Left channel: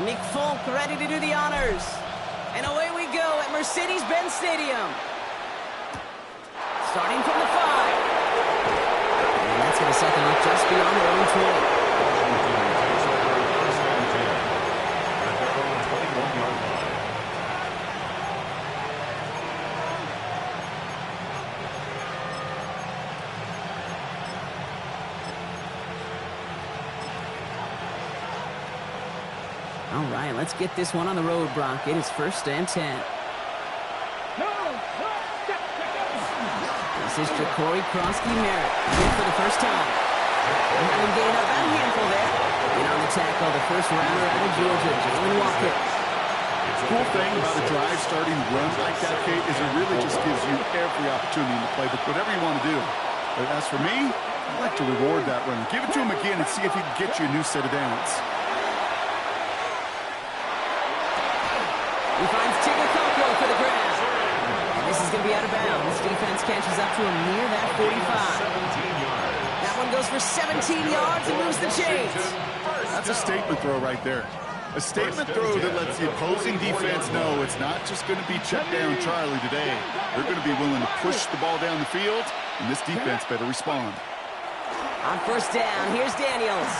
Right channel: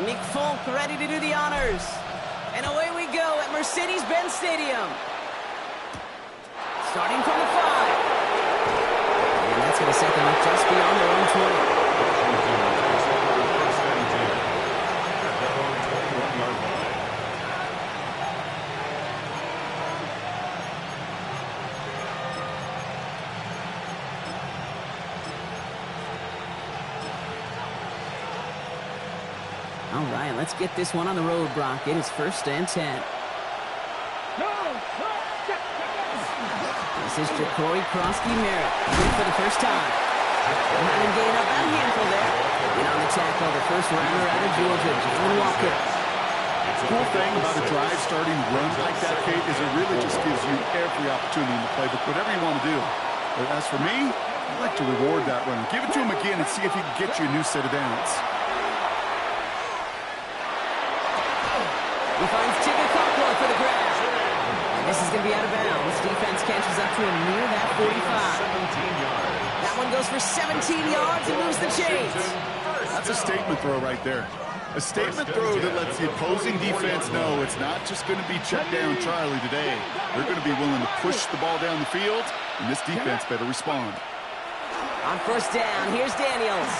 Nick Folk ready to do the honors. And away we go at Mercedes-Benz Stadium. Starting from the 5. And that's going to set them up just beyond their own 20. Washington takes over first and 10 at their own 21-yard line. All right, let's get this one on the road, Brock. It is first and 10. This is Ja'Cory Krosky-Merritt here for the first time. Had him gain up about a handful there. In on the tackle, the first rounder out of Georgia, Jalen Walker. The cool thing about a drive starting run like that, Kate, is it really just gives you every opportunity in the playbook, whatever you want to do. But as for me, I'd like to reward that runner. Give it to him again and see if he can get you a new set of downs. He finds Tigger Conqueror for the grab. And this is going to be out of bounds. Defense catches up to him near that 45. That one goes for 17 yards and moves the chains. That's a statement throw right there. A statement throw that lets the opposing defense know it's not just going to be check down Charlie today. They're going to be willing to push the ball down the field, and this defense better respond. On first down, here's Daniels.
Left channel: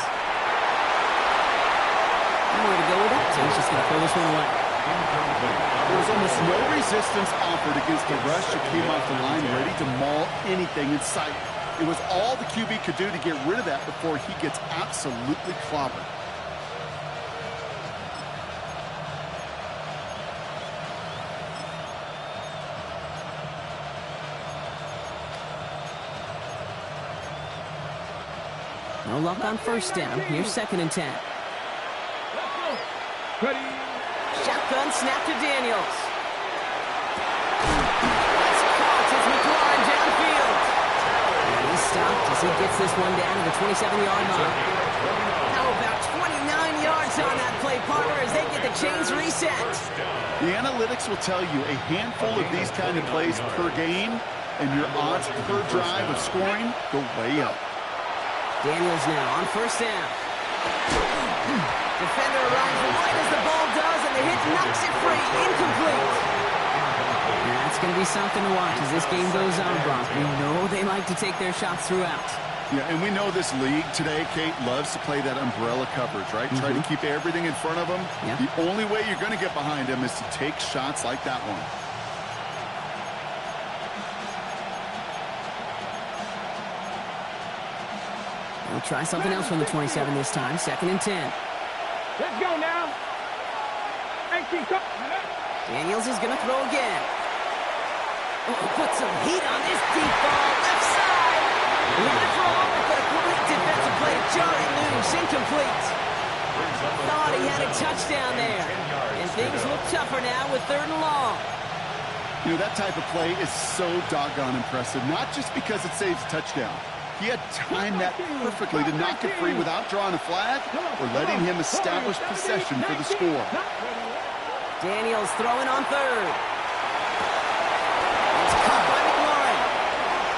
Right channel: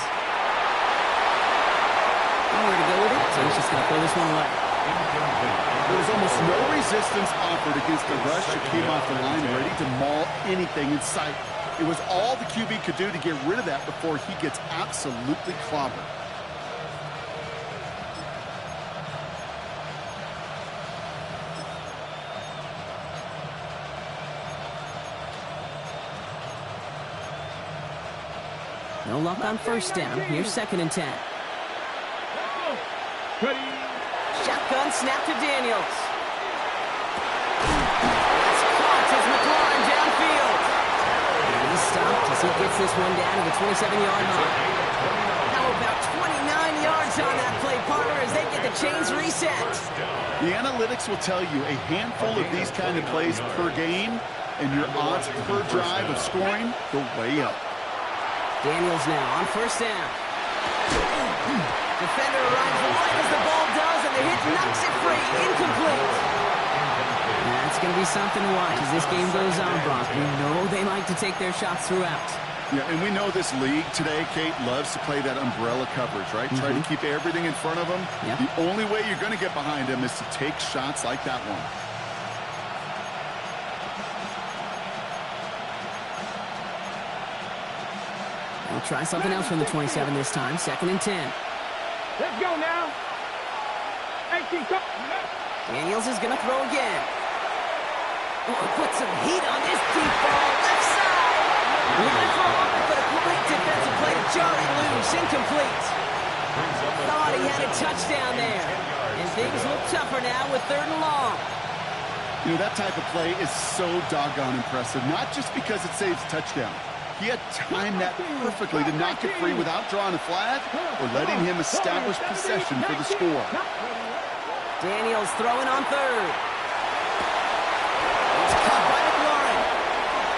Nowhere to go with it, so he's just going to throw this one away. There was almost no resistance offered against the rush that came off the line ready to maul anything in sight. It was all the QB could do to get rid of that before he gets absolutely clobbered. No luck on first down. Here's second and 10. Ready. Shotgun snap to Daniels. That's caught. It's McLaurin downfield. And he's stopped as he gets this one down to the 27-yard line. How about 29 yards on that play, partner, as they get the chains reset? The analytics will tell you a handful of these kind of plays per game, and your odds per drive of scoring go way up. Daniels now on first down. Defender arrives right as the ball does, and the hit knocks it free. Incomplete. That's going to be something to watch as this game goes on, Brock. We know they like to take their shots throughout. Yeah, and we know this league today, Kate, loves to play that umbrella coverage, right? Try to keep everything in front of them. Yep. The only way you're going to get behind them is to take shots like that one. They'll try something else from the 27 this time. Second and 10. Let's go now. 18. Daniels is going to throw again. Oh, put some heat on this deep ball. Left side. He's going to throw over, but a great defensive play to jar it loose. Incomplete. Thought he had a touchdown there. And things look tougher now with 3rd and long. You know, that type of play is so doggone impressive, not just because it saves a touchdown. He had timed that perfectly to knock it free without drawing a flag or letting him establish possession for the score. Daniels throwing on 3rd. It's caught by McLaurin.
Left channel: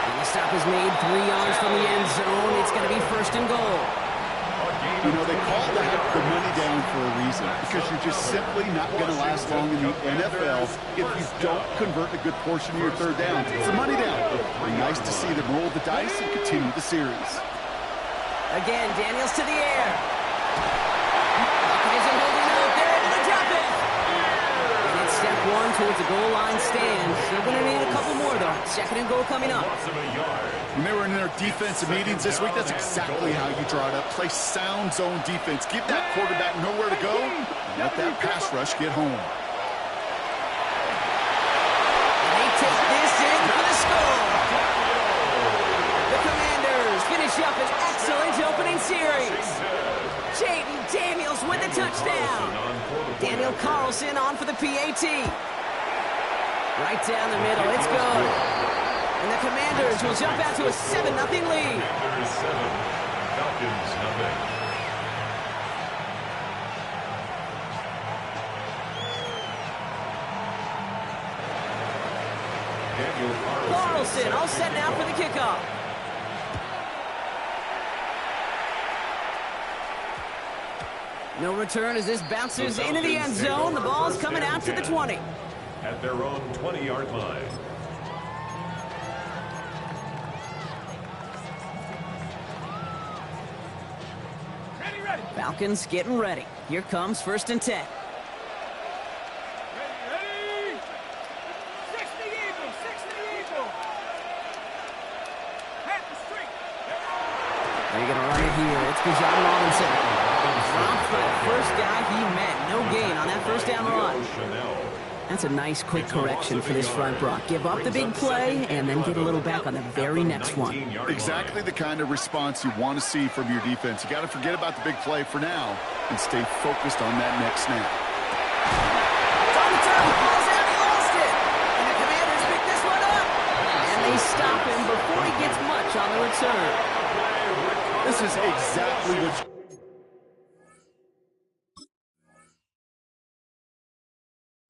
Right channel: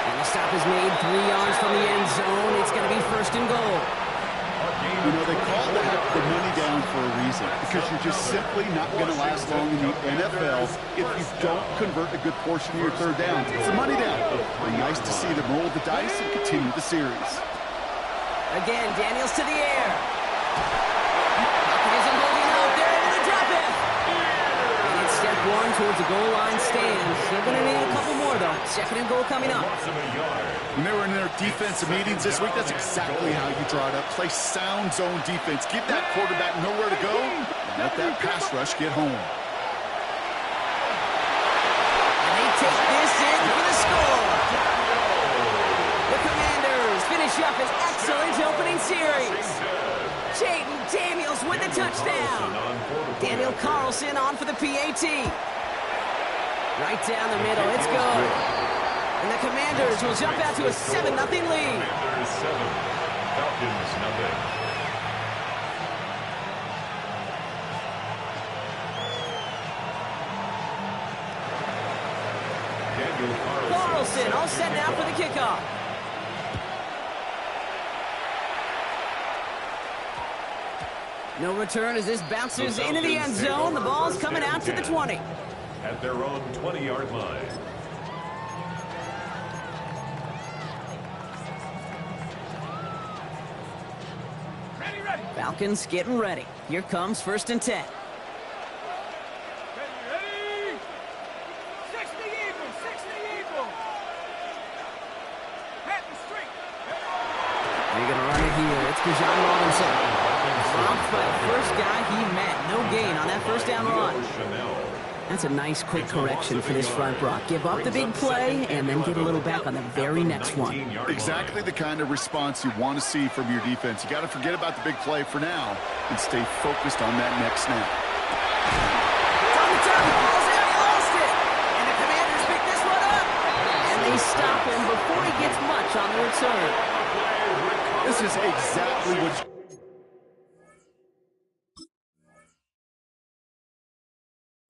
And the stop is made 3 yards from the end zone. It's going to be 1st and goal. You know, they call that the money down for a reason, because you're just simply not going to last long in the NFL if you don't convert a good portion of your 3rd down. It's the money down. And nice to see them roll the dice and continue the series. Again, Daniels to the air. Buckeyes are holding up. They're able to drop it. And it's step 1 towards the goal line stand. Still going to need a couple more, though. 2nd and goal coming up. When they were in their defensive meetings this week, that's exactly how you draw it up. Play sound zone defense. Give that quarterback nowhere to go, and let that pass rush get home. And they take this in for the score. The Commanders finish up an excellent opening series. Jaden Daniels with the touchdown. Daniel Carlson on for the PAT. Right down the middle. It's good. And the Commanders will jump out to a 7-0 lead. Commanders 7, Falcons 0. Daniel Carlson all set now for the kickoff. No return as this bounces into the end zone. The ball's coming out to the 20. At their own 20-yard line. Ready. Falcons getting ready. Here comes 1st and 10. Ready. 60 Eagle. Hat the street. They're going to run it here. It's Bijan Robinson. Dropped by the first guy he met. No gain on that first down run. That's a nice quick correction for this front block. Give up the big play and then get a little back on the very next one. Exactly the kind of response you want to see from your defense. You got to forget about the big play for now and stay focused on that next snap. It's on the turn. Ball's out. He lost it. And the Commanders pick this one up. And they stop him before he gets much on the return. This is exactly what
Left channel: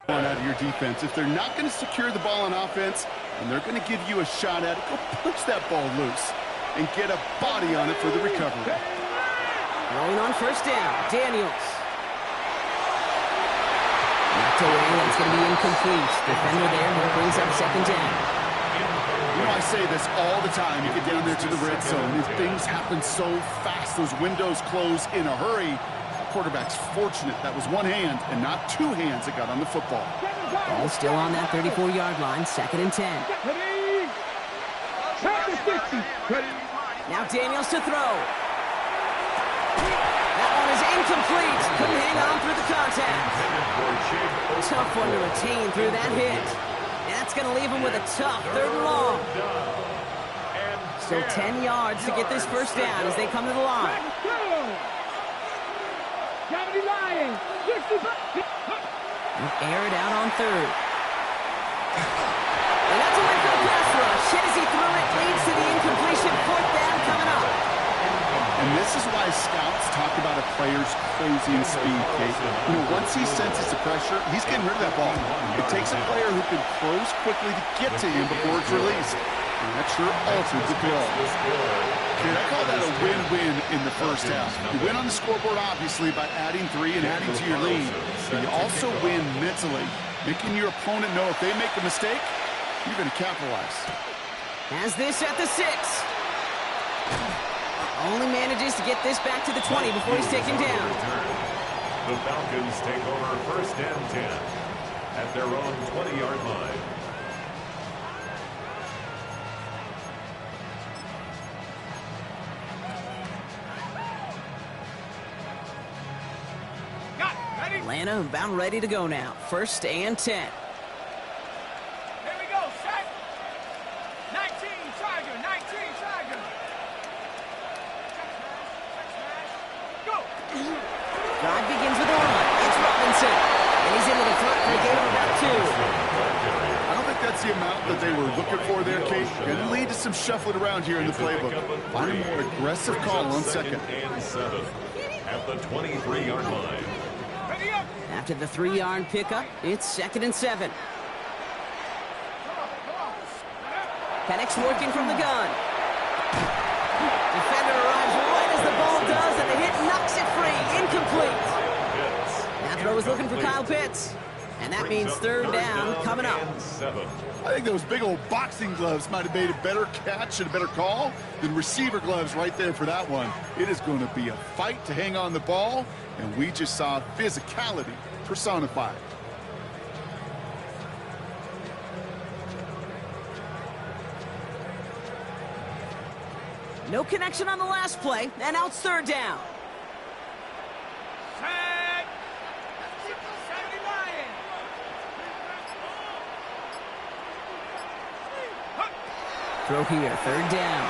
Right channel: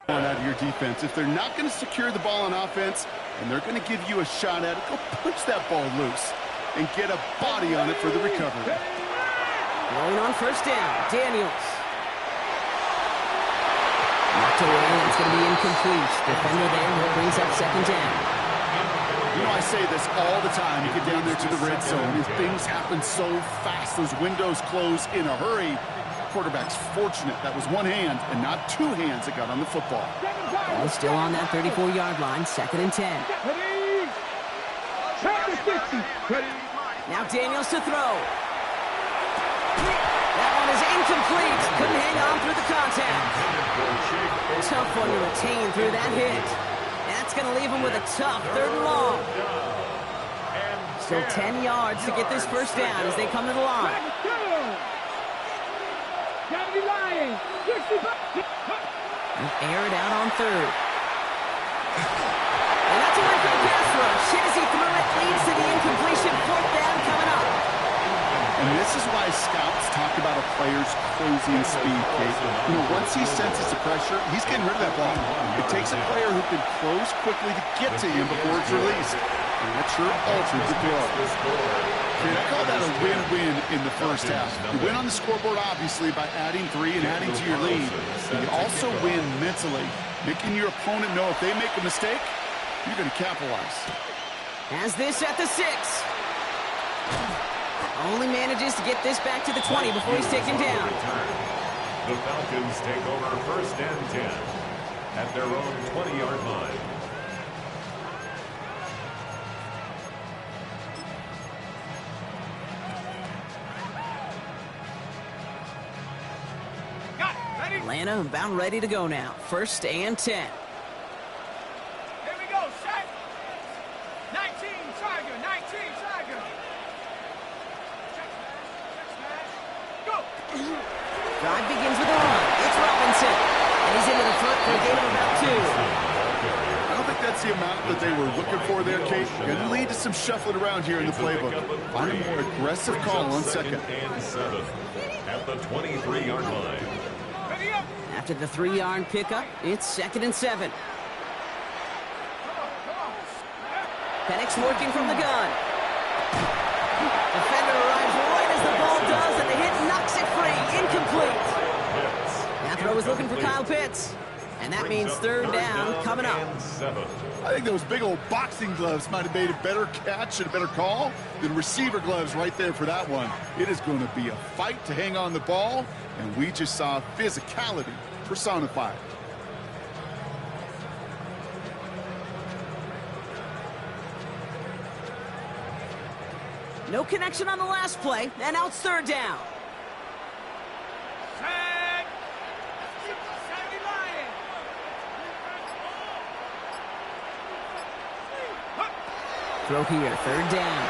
out of your defense. If they're not going to secure the ball on offense and they're going to give you a shot at it, go punch that ball loose and get a body on it for the recovery. Rolling on 1st down, Daniels. Knocked away, and it's going to be incomplete. Defender there who brings up 2nd down. You know, I say this all the time. You get down there to the red zone, and things happen so fast. Those windows close in a hurry. Quarterback's fortunate that was one hand and not two hands that got on the football. Ball still on that 34-yard line, 2nd and 10. Now Daniels to throw. That one is incomplete. Couldn't hang on through the contact. Tough one to retain through that hit. And that's going to leave him with a tough 3rd and long. Still 10 yards to get this 1st down as they come to the line. Air it out on 3rd. And that's a win for the pass rush. Hit as he threw it, leads to the incompletion. 4th down coming up. And this is why scouts talk about a player's closing speed, Kate. You know, once he senses the pressure, he's getting rid of that ball. It takes a player who can close quickly to get to him before it's released. And that sure altered the throw. Kate, I call that a win-win in the first half. You win on the scoreboard, obviously, by adding 3 and adding to your lead. But you also win mentally, making your opponent know if they make a mistake, you're going to capitalize. Has this at the 6. Only manages to get this back to the 20 before he's taken down. The Falcons take over 1st and 10 at their own 20-yard line. Atlanta about ready to go now. 1st and 10. Here we go, set. 19 Tiger. Check smash. Go. Drive begins with a run. It's Robinson. And he's into the front for a gain of about 2. I don't think that's the amount that they were looking for there, Kate. Going to lead to some shuffling around here in the playbook. Find a more aggressive call on 2nd. And 7 at the 23-yard line. After the 3-yard pickup, it's 2nd and 7. Penix working from the gun. Defender arrives right as the ball does, and the hit knocks it free. Incomplete. That throw was looking for Kyle Pitts. And that means 3rd down coming up. I think those big old boxing gloves might have made a better catch and a better call than receiver gloves right there for that one. It is going to be a fight to hang on the ball, and we just saw physicality personified. No connection on the last play, and now it's 3rd down. Throw here, 3rd down.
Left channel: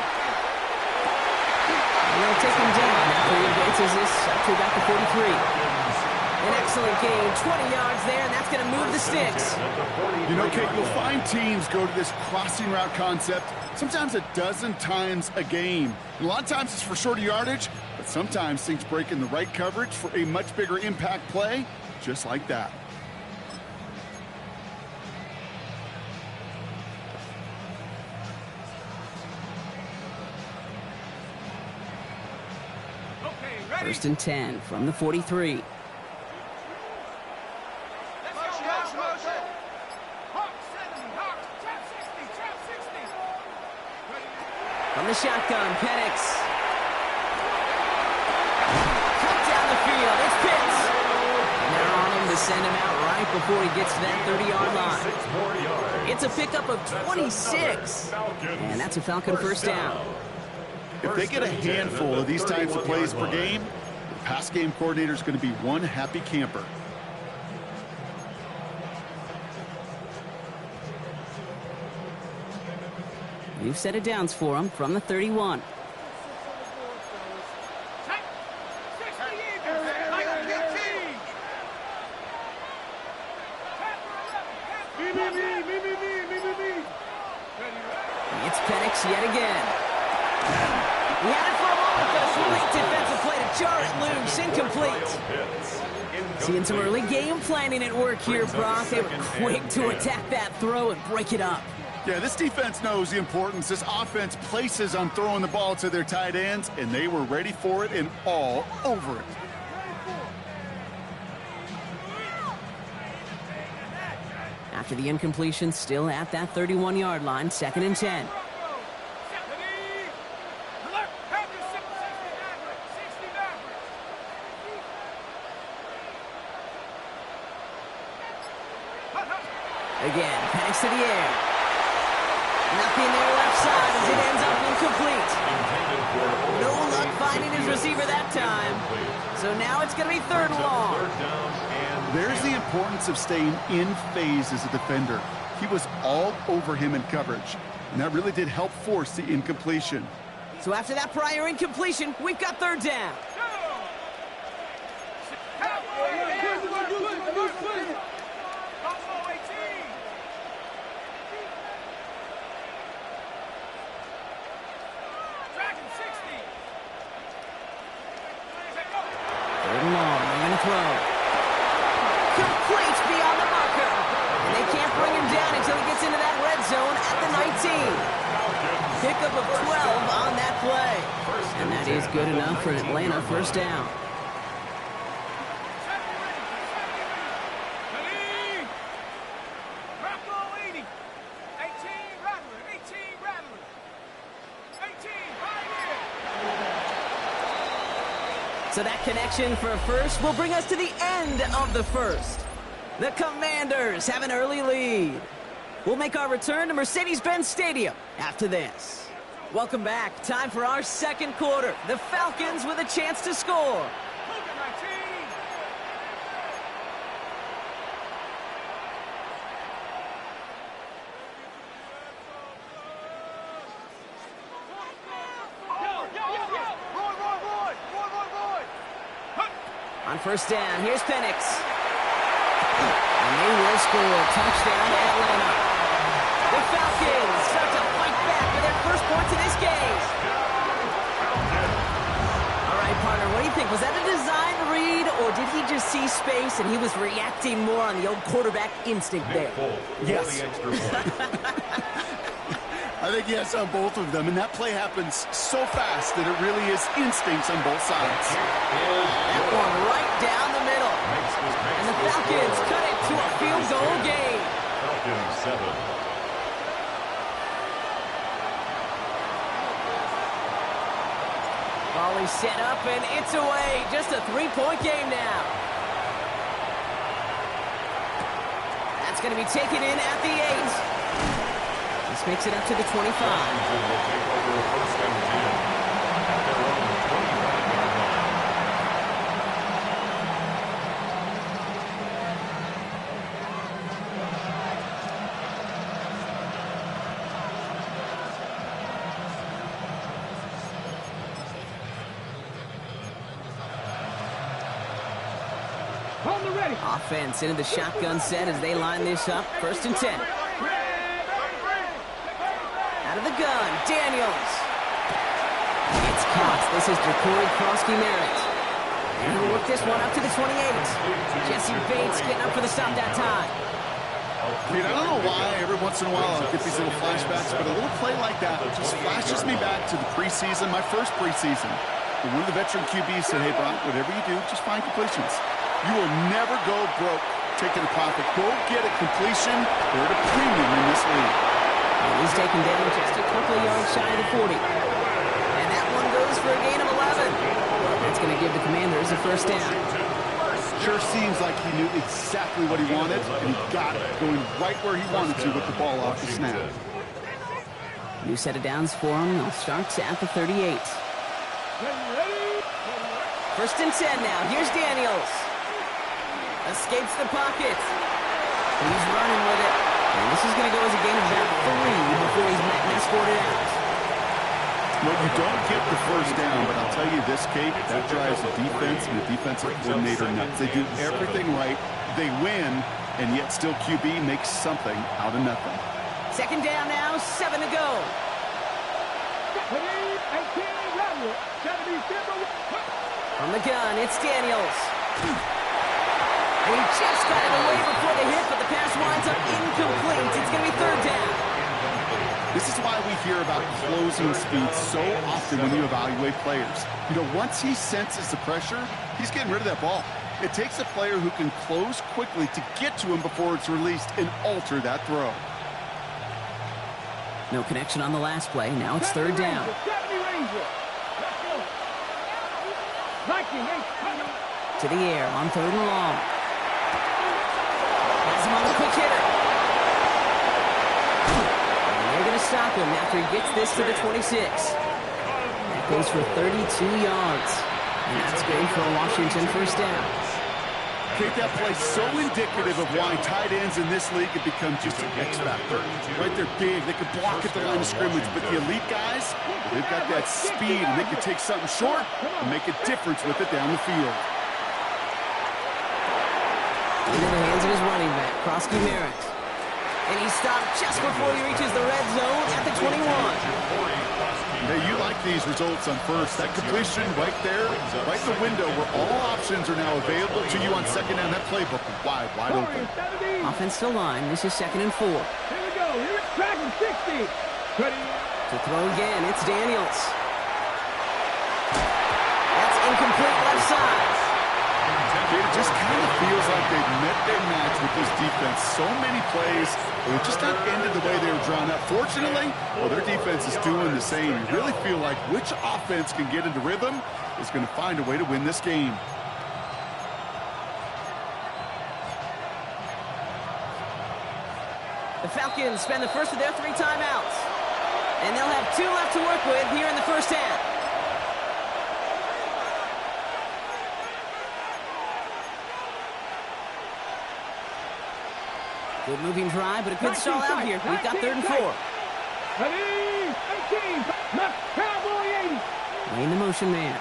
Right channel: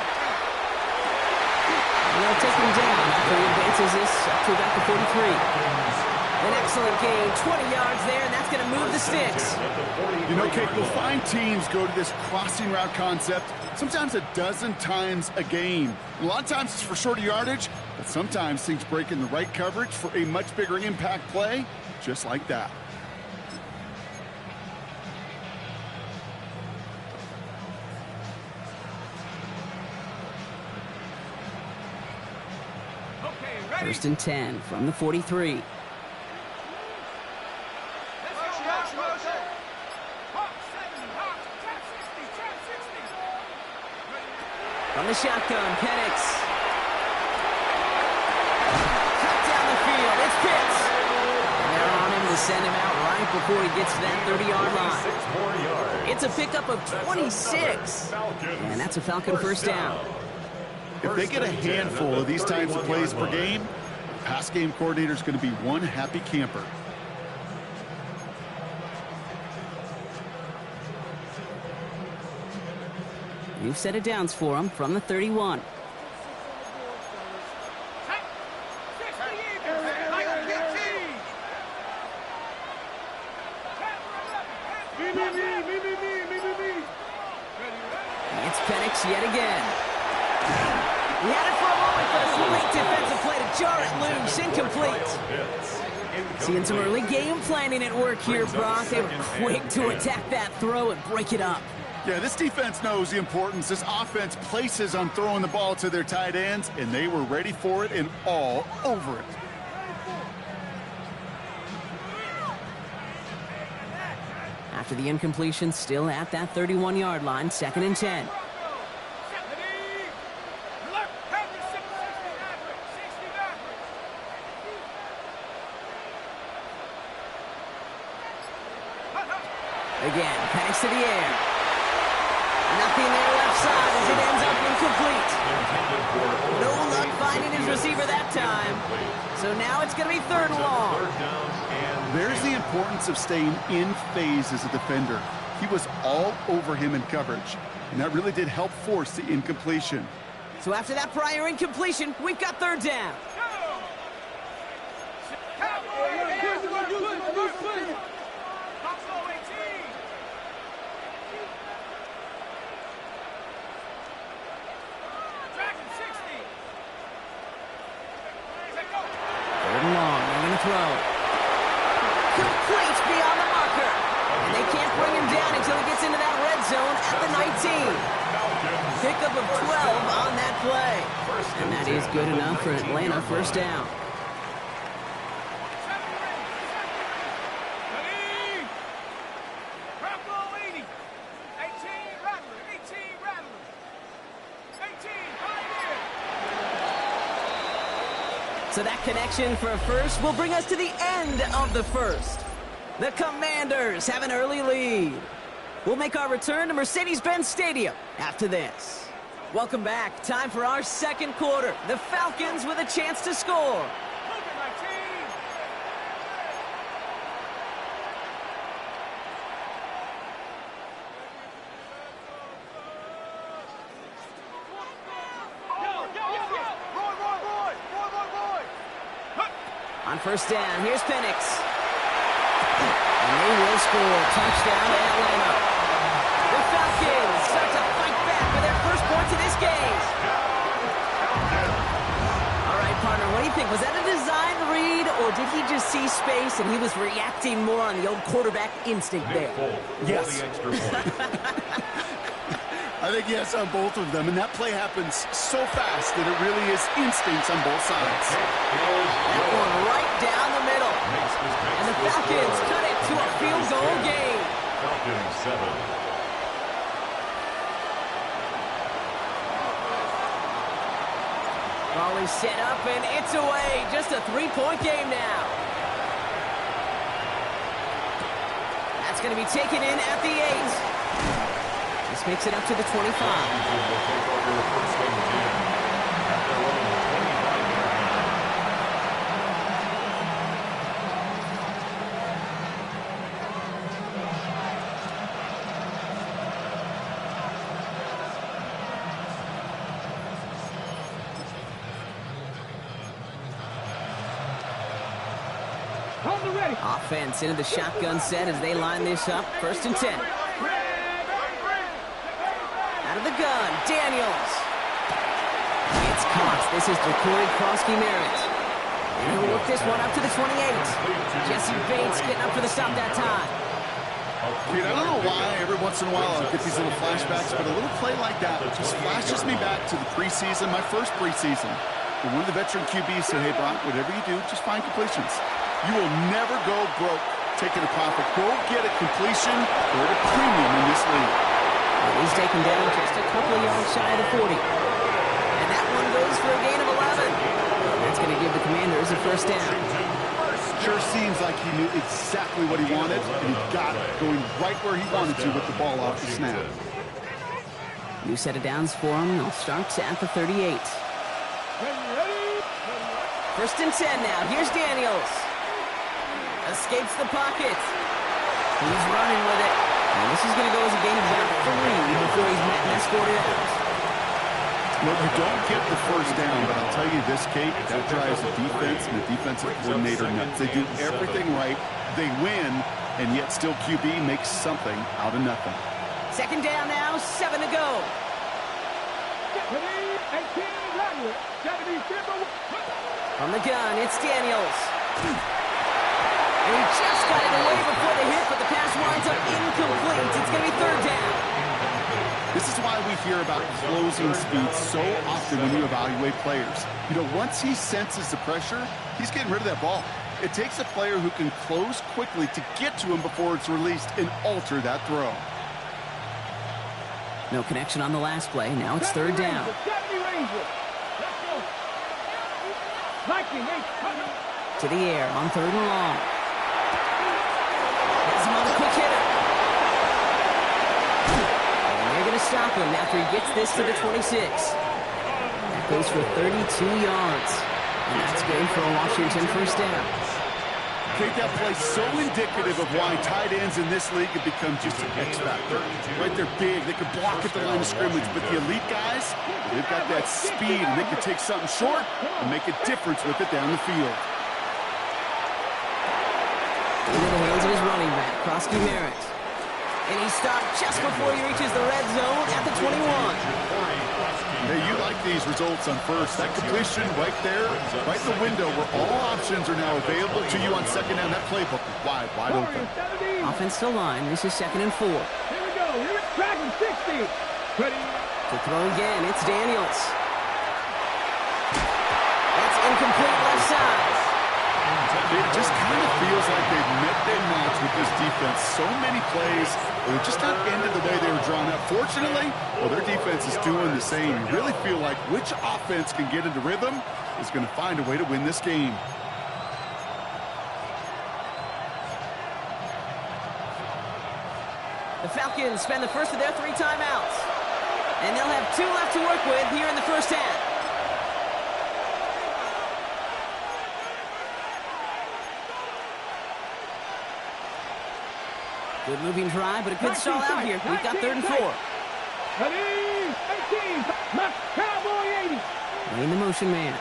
And they'll take him down after he advances this up to about the 43. An excellent gain, 20 yards there, and that's going to move the sticks. You know, Kate, you'll find teams go to this crossing route concept sometimes a dozen times a game. And a lot of times it's for shorter yardage, but sometimes things break in the right coverage for a much bigger impact play, just like that. First and 10 from the 43. From the shotgun, Penix. Cut down the field. It's Pitts. And they're on him to send him out right before he gets to that 30-yard line. It's a pickup of 26. And that's a Falcon first down. If they get a handful of these types of plays per game, the pass game coordinator is going to be one happy camper. New set of downs for him from the 31. It's Penix yet again. He had it for a moment, but a great defensive play to jar it loose. Incomplete. Seeing some early game planning at work here, Brock. They were quick to attack that throw and break it up. Yeah, this defense knows the importance this offense places on throwing the ball to their tight ends, and they were ready for it and all over it. After the incompletion, still at that 31-yard line, 2nd and 10. Again, Penix to the air. Nothing there left side as it ends up incomplete. No luck finding his receiver that time. So now it's going to be 3rd and long. There's the importance of staying in phase as a defender. He was all over him in coverage, and that really did help force the incompletion. So after that prior incompletion, we've got 3rd down. Long, they're going to throw. Complete beyond the marker. And they can't bring him down until he gets into that red zone at the 19. Pickup of 12 on that play. And that is good enough for an Atlanta first down. So that connection for a first will bring us to the end of the first. The Commanders have an early lead. We'll make our return to Mercedes-Benz Stadium after this. Welcome back. Time for our 2nd quarter. The Falcons with a chance to score. On first down, here's Penix. And they will score. Touchdown to Atlanta. The Falcons start to fight back with their first points of this game. All right, partner, what do you think? Was that a design read, or did he just see space and he was reacting more on the old quarterback instinct there? Yes. I think yes on both of them, and that play happens so fast that it really is instincts on both sides. That one right down the middle. And the Falcons cut it to a field goal game. Falcons 7. Ball is set up, and it's away. Just a 3-point game now. That's going to be taken in at the 8. This makes it up to the 25. Washington will take over 1st and 10 at their own 25-yard line. Offense into the shotgun set as they line this up. 1st and 10. Out of the gun, Daniels. It's Cox. This is Jacory Krosky-Merritt. And he'll work this one up to the 28. Jesse Bates getting up for the stop that time. Dude, I don't know why every once in a while I get these little flashbacks, but a little play like that just flashes me back to the preseason, my first preseason. When one of the veteran QBs said, hey, Brock, whatever you do, just find completions. You will never go broke taking a profit. Go get a completion or at a premium in this league. He's taken down just a couple of yards shy of the 40. one goes for a gain of 11. That's going to give the Commanders a first down. Sure seems like he knew exactly what he wanted, and he got it, going right where he wanted to with the ball off the snap. New set of downs for him. They'll start at the 38. First and 10 now. Here's Daniels. Escapes the pocket. He's running with it. And this is going to go as a gain of about 3 before he's met and escorted out. Well, you don't get the first down, but I'll tell you this, Kate, that drives the defense and the defensive coordinator nuts. They do everything right. They win, and yet still QB makes something out of nothing. Second down now, 7 to go. From the gun, it's Daniels. And he just got it away before the hit, but the pass winds up incomplete. It's going to be third down. This is why we hear about closing speed so often when you evaluate players. You know, once he senses the pressure, he's getting rid of that ball. It takes a player who can close quickly to get to him before it's released and alter that throw. No connection on the last play. Now it's third down. To the air on third and long. Has him on a quick hitter. And they're going to stop him after he gets this to the 26. That goes for 32 yards. And that's good for a Washington first down. Kate, that play so indicative of why tight ends in this league have become just an X factor. Right, they're big, they can block at the line of scrimmage, but the elite guys, they've got that speed, and they can take something short and make a difference with it down the field. Into the hands of his running back, Krosky Merritt. And he stopped just before he reaches the red zone at the 21. Hey, you like these results on first. That completion right there, right in the window where all options are now available to you on second down. That playbook wide open. Offensive line, this is 2nd and 4. Here we go. Here it's track and 60. Ready. To throw again, it's Daniels. That's incomplete left side. It just kind of feels like they've met their match with this defense. So many plays, they're just not ended the way they were drawn up. Fortunately, well, their defense is doing the same. You really feel like which offense can get into rhythm is going to find a way to win this game. The Falcons spend the first of their 3 timeouts. And they'll have 2 left to work with here in the first half. Good moving drive, but a good stall out here. We've got 3rd and 4. Ready. 18. Cowboy 80. Laying the motion man.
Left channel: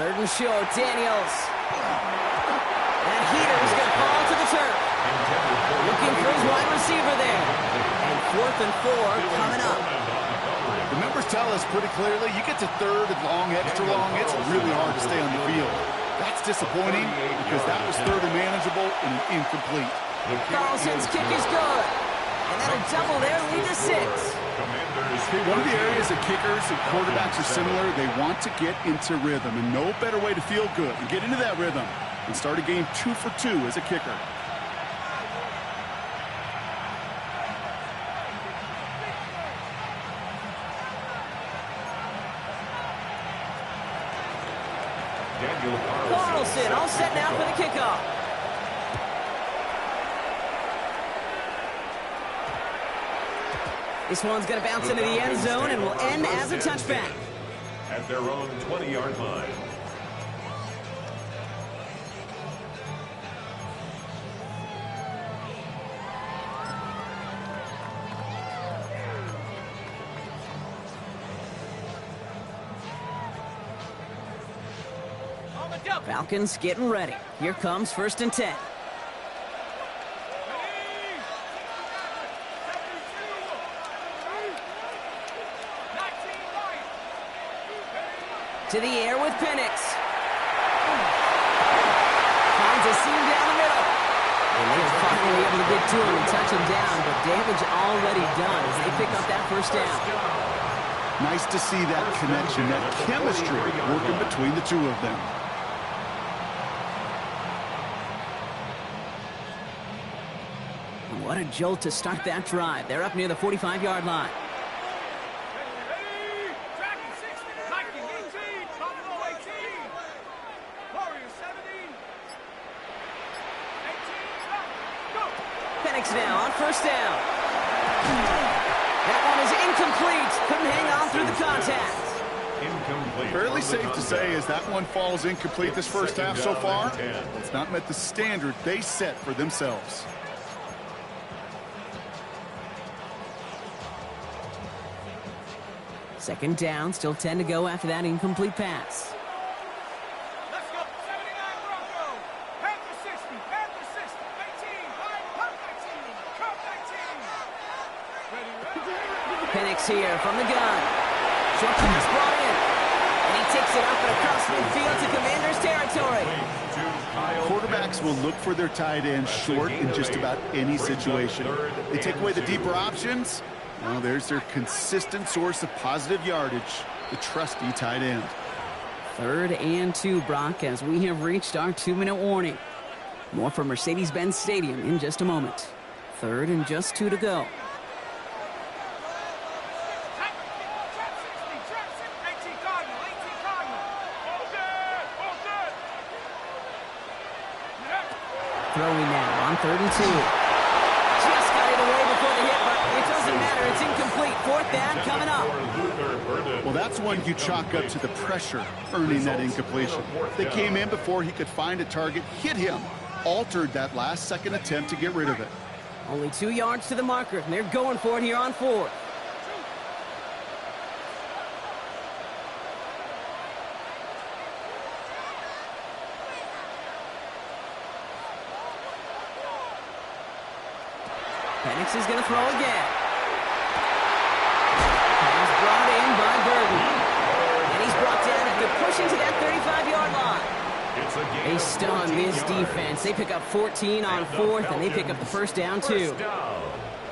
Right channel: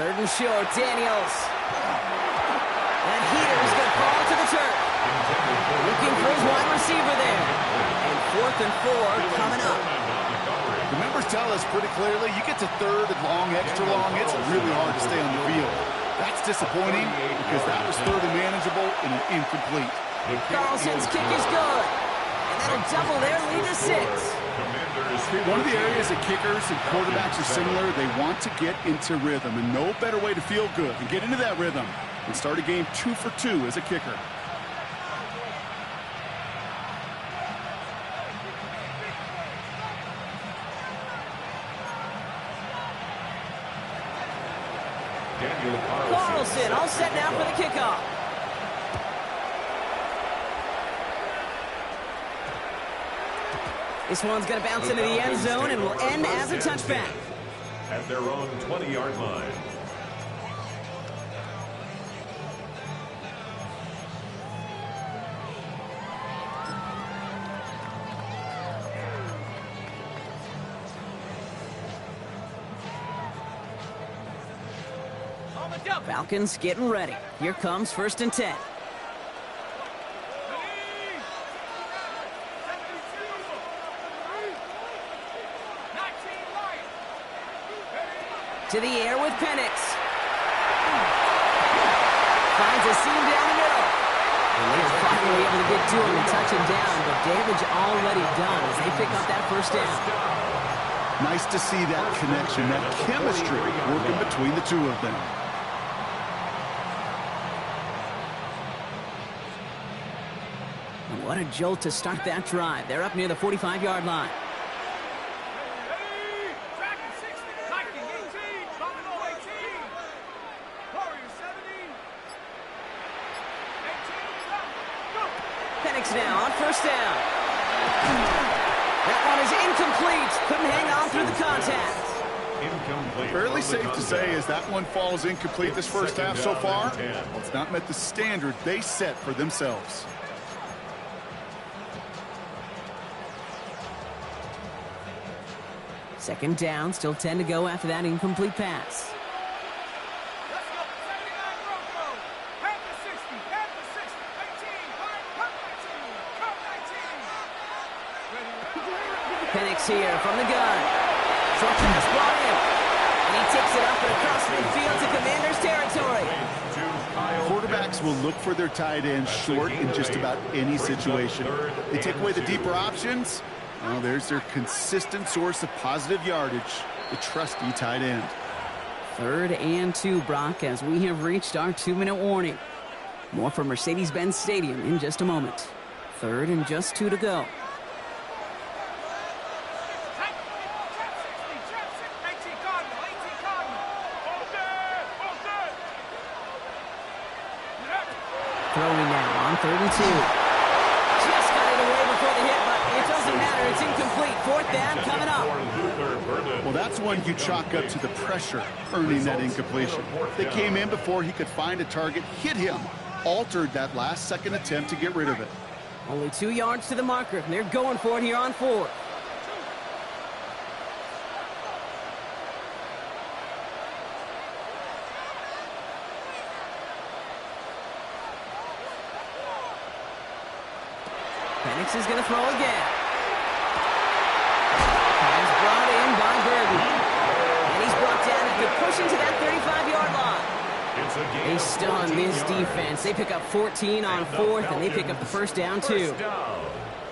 3rd and short, Daniels. That heater is going to fall to the turf. Looking for his wide receiver there. And 4th and 4 coming up. The members tell us pretty clearly, you get to 3rd and long, extra long, it's really hard to stay on the field. That's disappointing because that was 3rd and manageable and an incomplete. Carlson's kick is good. And that'll double their lead to 6. Okay, one of the areas that kickers and quarterbacks are similar, they want to get into rhythm, and no better way to feel good and get into that rhythm and start a game 2 for 2 as a kicker. Carlson all set now for the kickoff. This one's going to bounce into the end zone and will end as a touchback. At their own 20-yard line. Falcons getting ready. Here comes 1st and 10. To the air with Penix. Finds a seam down the middle. And they are finally able to get to him and touch him down, but damage already done as they pick up that first down. Nice to see that connection, that chemistry working between the two of them. And what a jolt to start that drive. They're up near the 45-yard line. Penix now on first down. That one is incomplete. Couldn't hang on through the contact. Incomplete. Fairly safe to say as that one falls incomplete this first half so far. Well, it's not met the standard they set for themselves. Second down, still 10 to go after that incomplete pass. Let's go. 79 Broncos. Panther 60. Panther 60. 18. Come 19. Come 19. Ready. Penix here from the gun. Short pass brought in. And he takes it up and across midfield to Commanders territory. Quarterbacks will look for their tight end short in just about any situation. They take away the deeper options. Well, there's their consistent source of positive yardage, the trusty tight end. 3rd and 2, Brock, as we have reached our 2-minute warning. More from Mercedes-Benz Stadium in just a moment. 3rd and just 2 to go. Throwing now on 3rd and 2. Just got it away before the hit, but it doesn't matter. It's incomplete. 4th down coming up. Well, that's one you chalk up to the pressure earning that incompletion. They came in before he could find a target, hit him, altered that last-second attempt to get rid of it. Only 2 yards to the marker, and they're going for it here on 4th. Penix is going to throw again. Pass brought in by Burton. And he's brought down after pushing to that 35-yard line. They stun this defense. They pick up 14 on 4th, and they pick up the first down, too.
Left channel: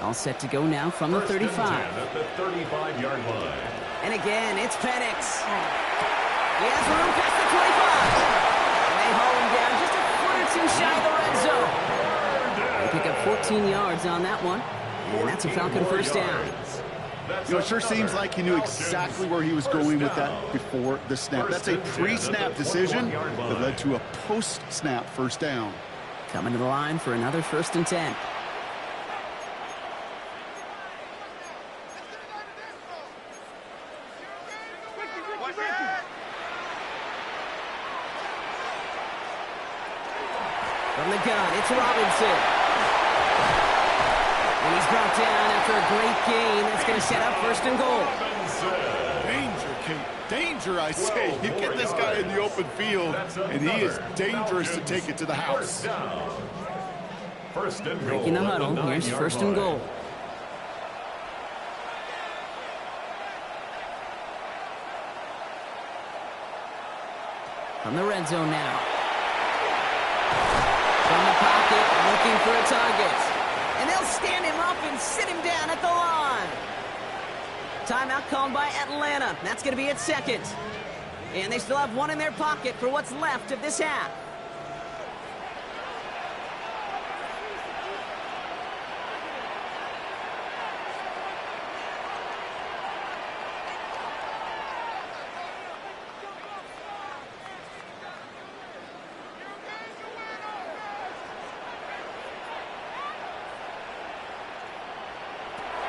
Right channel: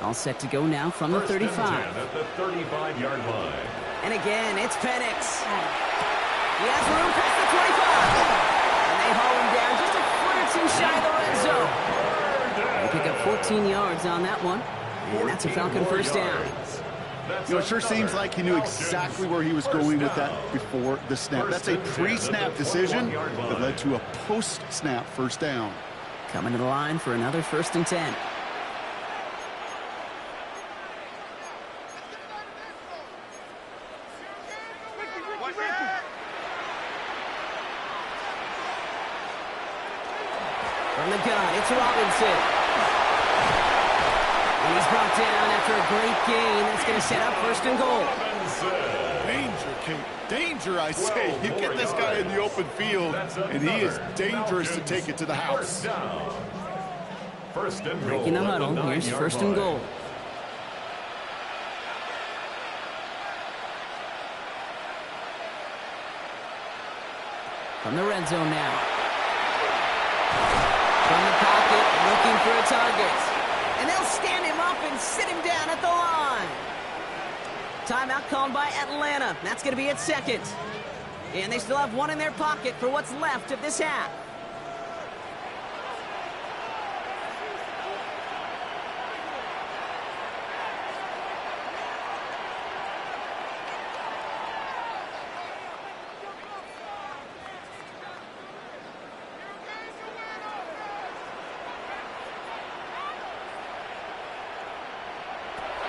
All set to go now from the 35. At the 35-yard line. And again, it's Penix. He has room past the 25. And they haul him down just a foot or 2 shy of the red zone. They pick up 14 yards on that one, and that's a Falcon first down. You know, it sure seems like he knew exactly where he was going with that before the snap. That's a pre-snap decision that led to a post-snap first down. Coming to the line for another 1st and 10. From the gun, it's Robinson. And he's brought down after a great gain. That's going to set up 1st and goal. Danger, Kate. Danger, I say. You get this guy in the open field, and he is dangerous to take it to the house. First and goal. Breaking the huddle. Here's 1st and goal. From the red zone now. From the pocket, looking for a target. And they'll stand him up and sit him down at the line. Timeout called by Atlanta. That's going to be its 2nd. And they still have 1 in their pocket for what's left of this half.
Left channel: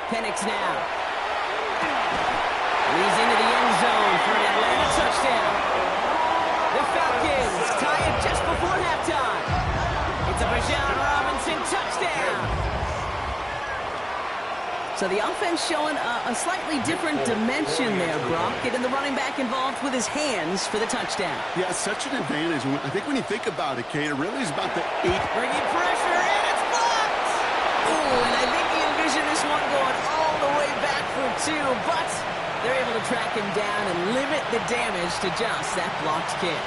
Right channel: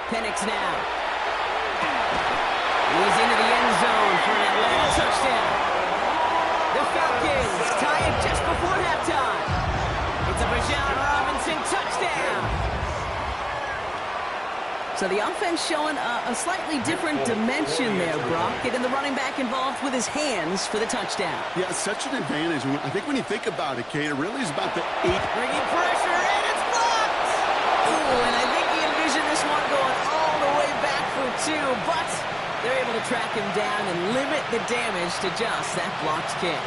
Penix now. He's into the end zone for an Atlanta touchdown. The Falcons tie it just before halftime. It's a Bijan Robinson touchdown. So the offense showing a slightly different dimension there, Brock. Getting the running back involved with his hands for the touchdown. Yeah, such an advantage. I think when you think about it, Kate, it really is about the 8. Bringing pressure, and it's blocked! Ooh, and I think he envisioned this one going all the way back for 2, but they're able to track him down and limit the damage to just that blocked kick.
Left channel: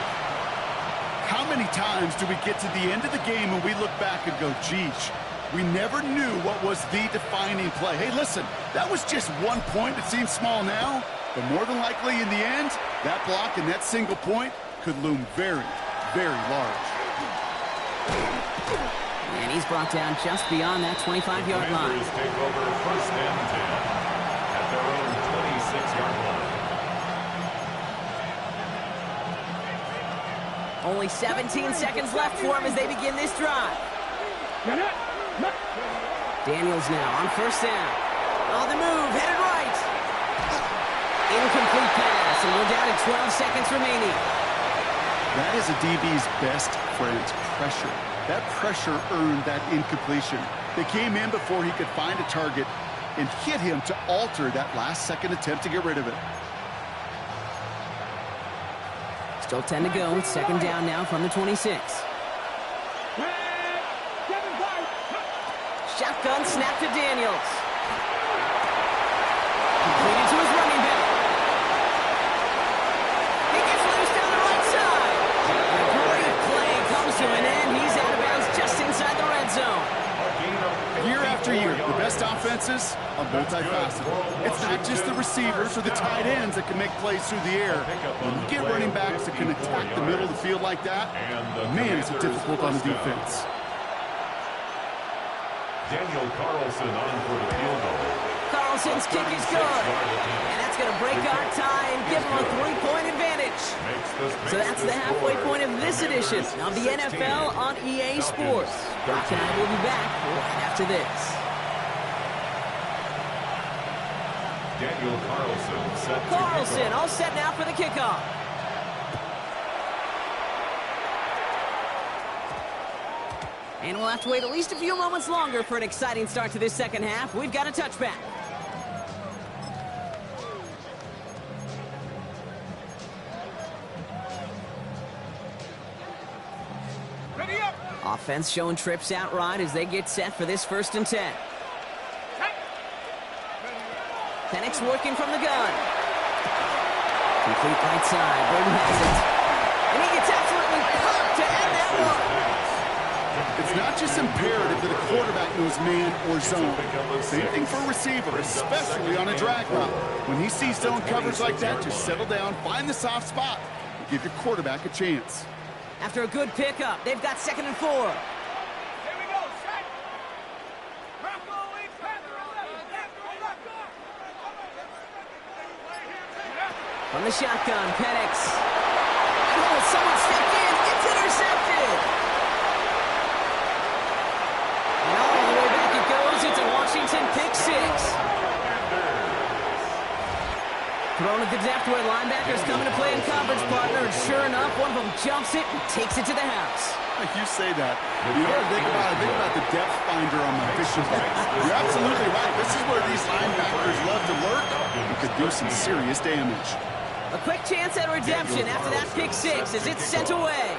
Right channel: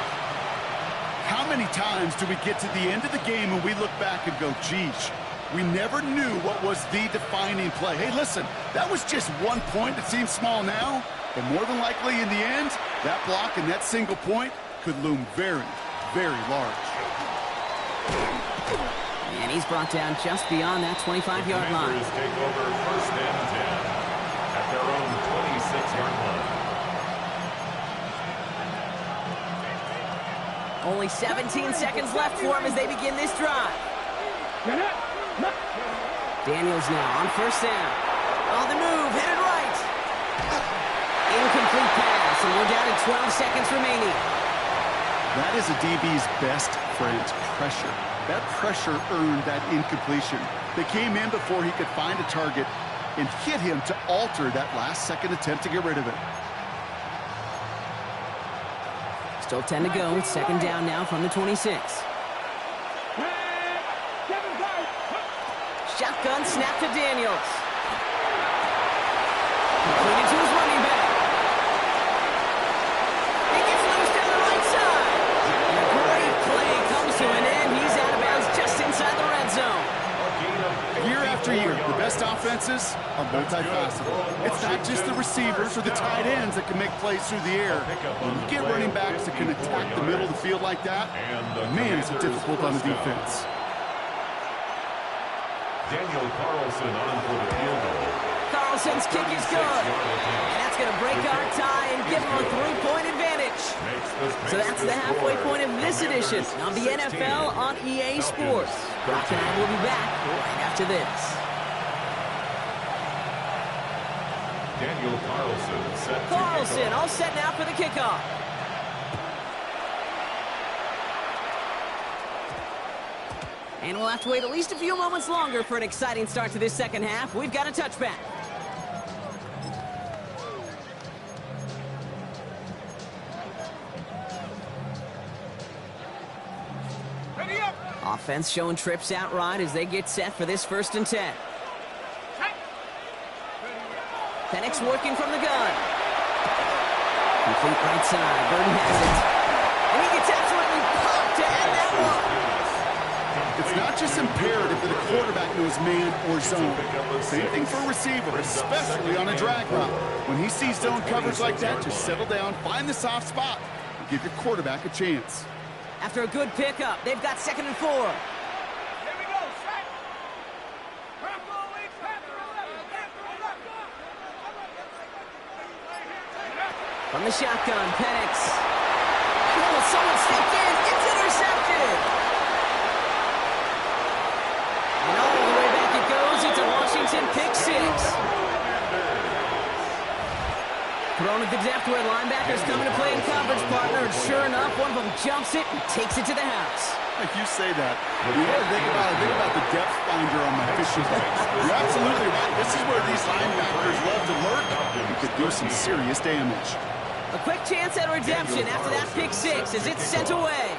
How many times do we get to the end of the game and we look back and go, geez, we never knew what was the defining play. Hey, listen, that was just 1 point. It seems small now, but more than likely in the end, that block and that single point could loom very, very large. And he's brought down just beyond that 25-yard line. Take over 1st and 10 at their own 26-yard line. Only 17 seconds left for him as they begin this drive. Daniels now on first down. On the move, headed right. Incomplete pass, and we're down to 12 seconds remaining. That is a DB's best friend, pressure. That pressure earned that incompletion. They came in before he could find a target and hit him to alter that last-second attempt to get rid of it. Still 10 to go. Second down now from the 26. Shotgun snap to Daniels. Completed to his running back. He gets loose down the right side. And a great play comes to an end. He's out of bounds just inside the red zone. Year after year, the best offenses are multifaceted. It's not just the receivers or the tight ends that can make plays through the air. When you get running backs that can attack the middle of the field like that, man, is it difficult on the defense. Daniel Carlson on for the field goal. Carlson's kick is good. And that's going to break our tie and give him a 3-point advantage. So that's the halfway point of this edition of the NFL on EA Sports. Brock and I will be back right after this. Daniel Carlson set to Carlson kickoff. all set now for the kickoff. And we'll have to wait at least a few moments longer for an exciting start to this second half. We've got a touchback. Ready up. Offense showing trips out right as they get set for this 1st and 10. Penix working from the gun. Complete right side. Burden has it. And he gets absolutely pumped to end that one. It's not just imperative that a quarterback knows man or zone. Same thing for a receiver, especially on a drag route. When he sees zone coverage like that, just settle down, find the soft spot, and give your quarterback a chance. After a good pickup, they've got 2nd and 4. Here we go. Set. Purple, Panther 11. Panther 11. From the shotgun, Penix. Oh, someone stepped in. It's intercepted. And all the way back it goes. It's a Washington pick 6. Thrown at the depth where linebackers coming to play in coverage, partner. And sure enough, one of them jumps it and takes it to the house. Like you say that. You know what I think about the depth finder on my fishing boat. You're absolutely right. This is where these linebackers love to lurk and could do some serious damage. A quick chance at redemption after that pick 6 as it's sent away.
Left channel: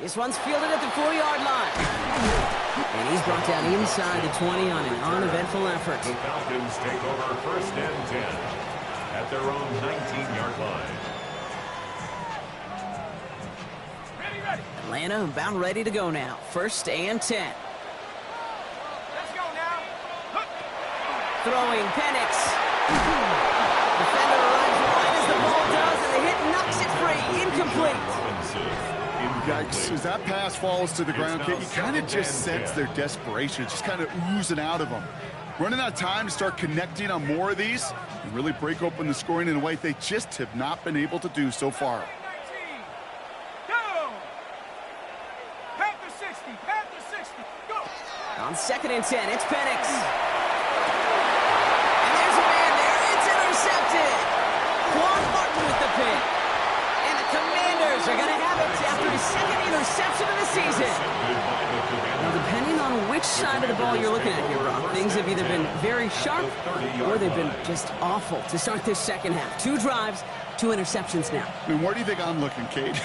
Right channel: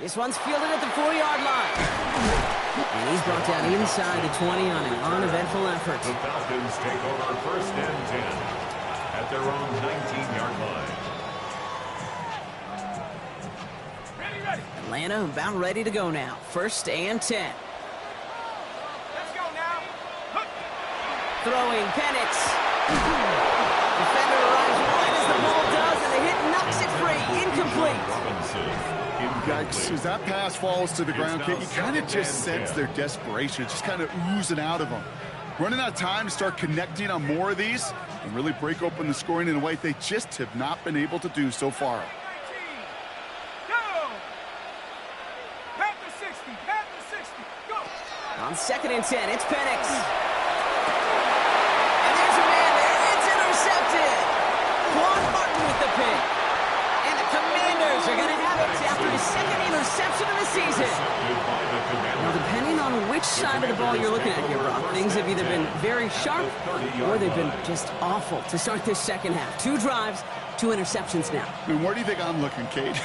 This one's fielded at the 4-yard line. And he's brought down inside the 20 on an uneventful effort. The Falcons take over 1st and 10 at their own 19-yard line. Ready. Atlanta about ready to go now. 1st and 10. Let's go now. Look. Throwing Penix. Defender arrives right as the ball does, and the hit knocks it free. Incomplete. Robinson. Yikes, as that pass falls to the ground, Kate, you kind of just sense their desperation, just kind of oozing out of them. Running out of time to start connecting on more of these and really break open the scoring in a way they just have not been able to do so far. 19. Go. Panther 60. Panther 60. Go. On 2nd and 10, it's Penix. And there's a man there. It's intercepted. Quan Martin with the pick. And the Commanders are going to have it after his 2nd interception of the season. Now, depending on which side of the ball you're looking at here, Brock, things have either been very sharp or they've been just awful to start this second half. 2 drives, 2 interceptions now. I mean, where do you think I'm looking, Kate?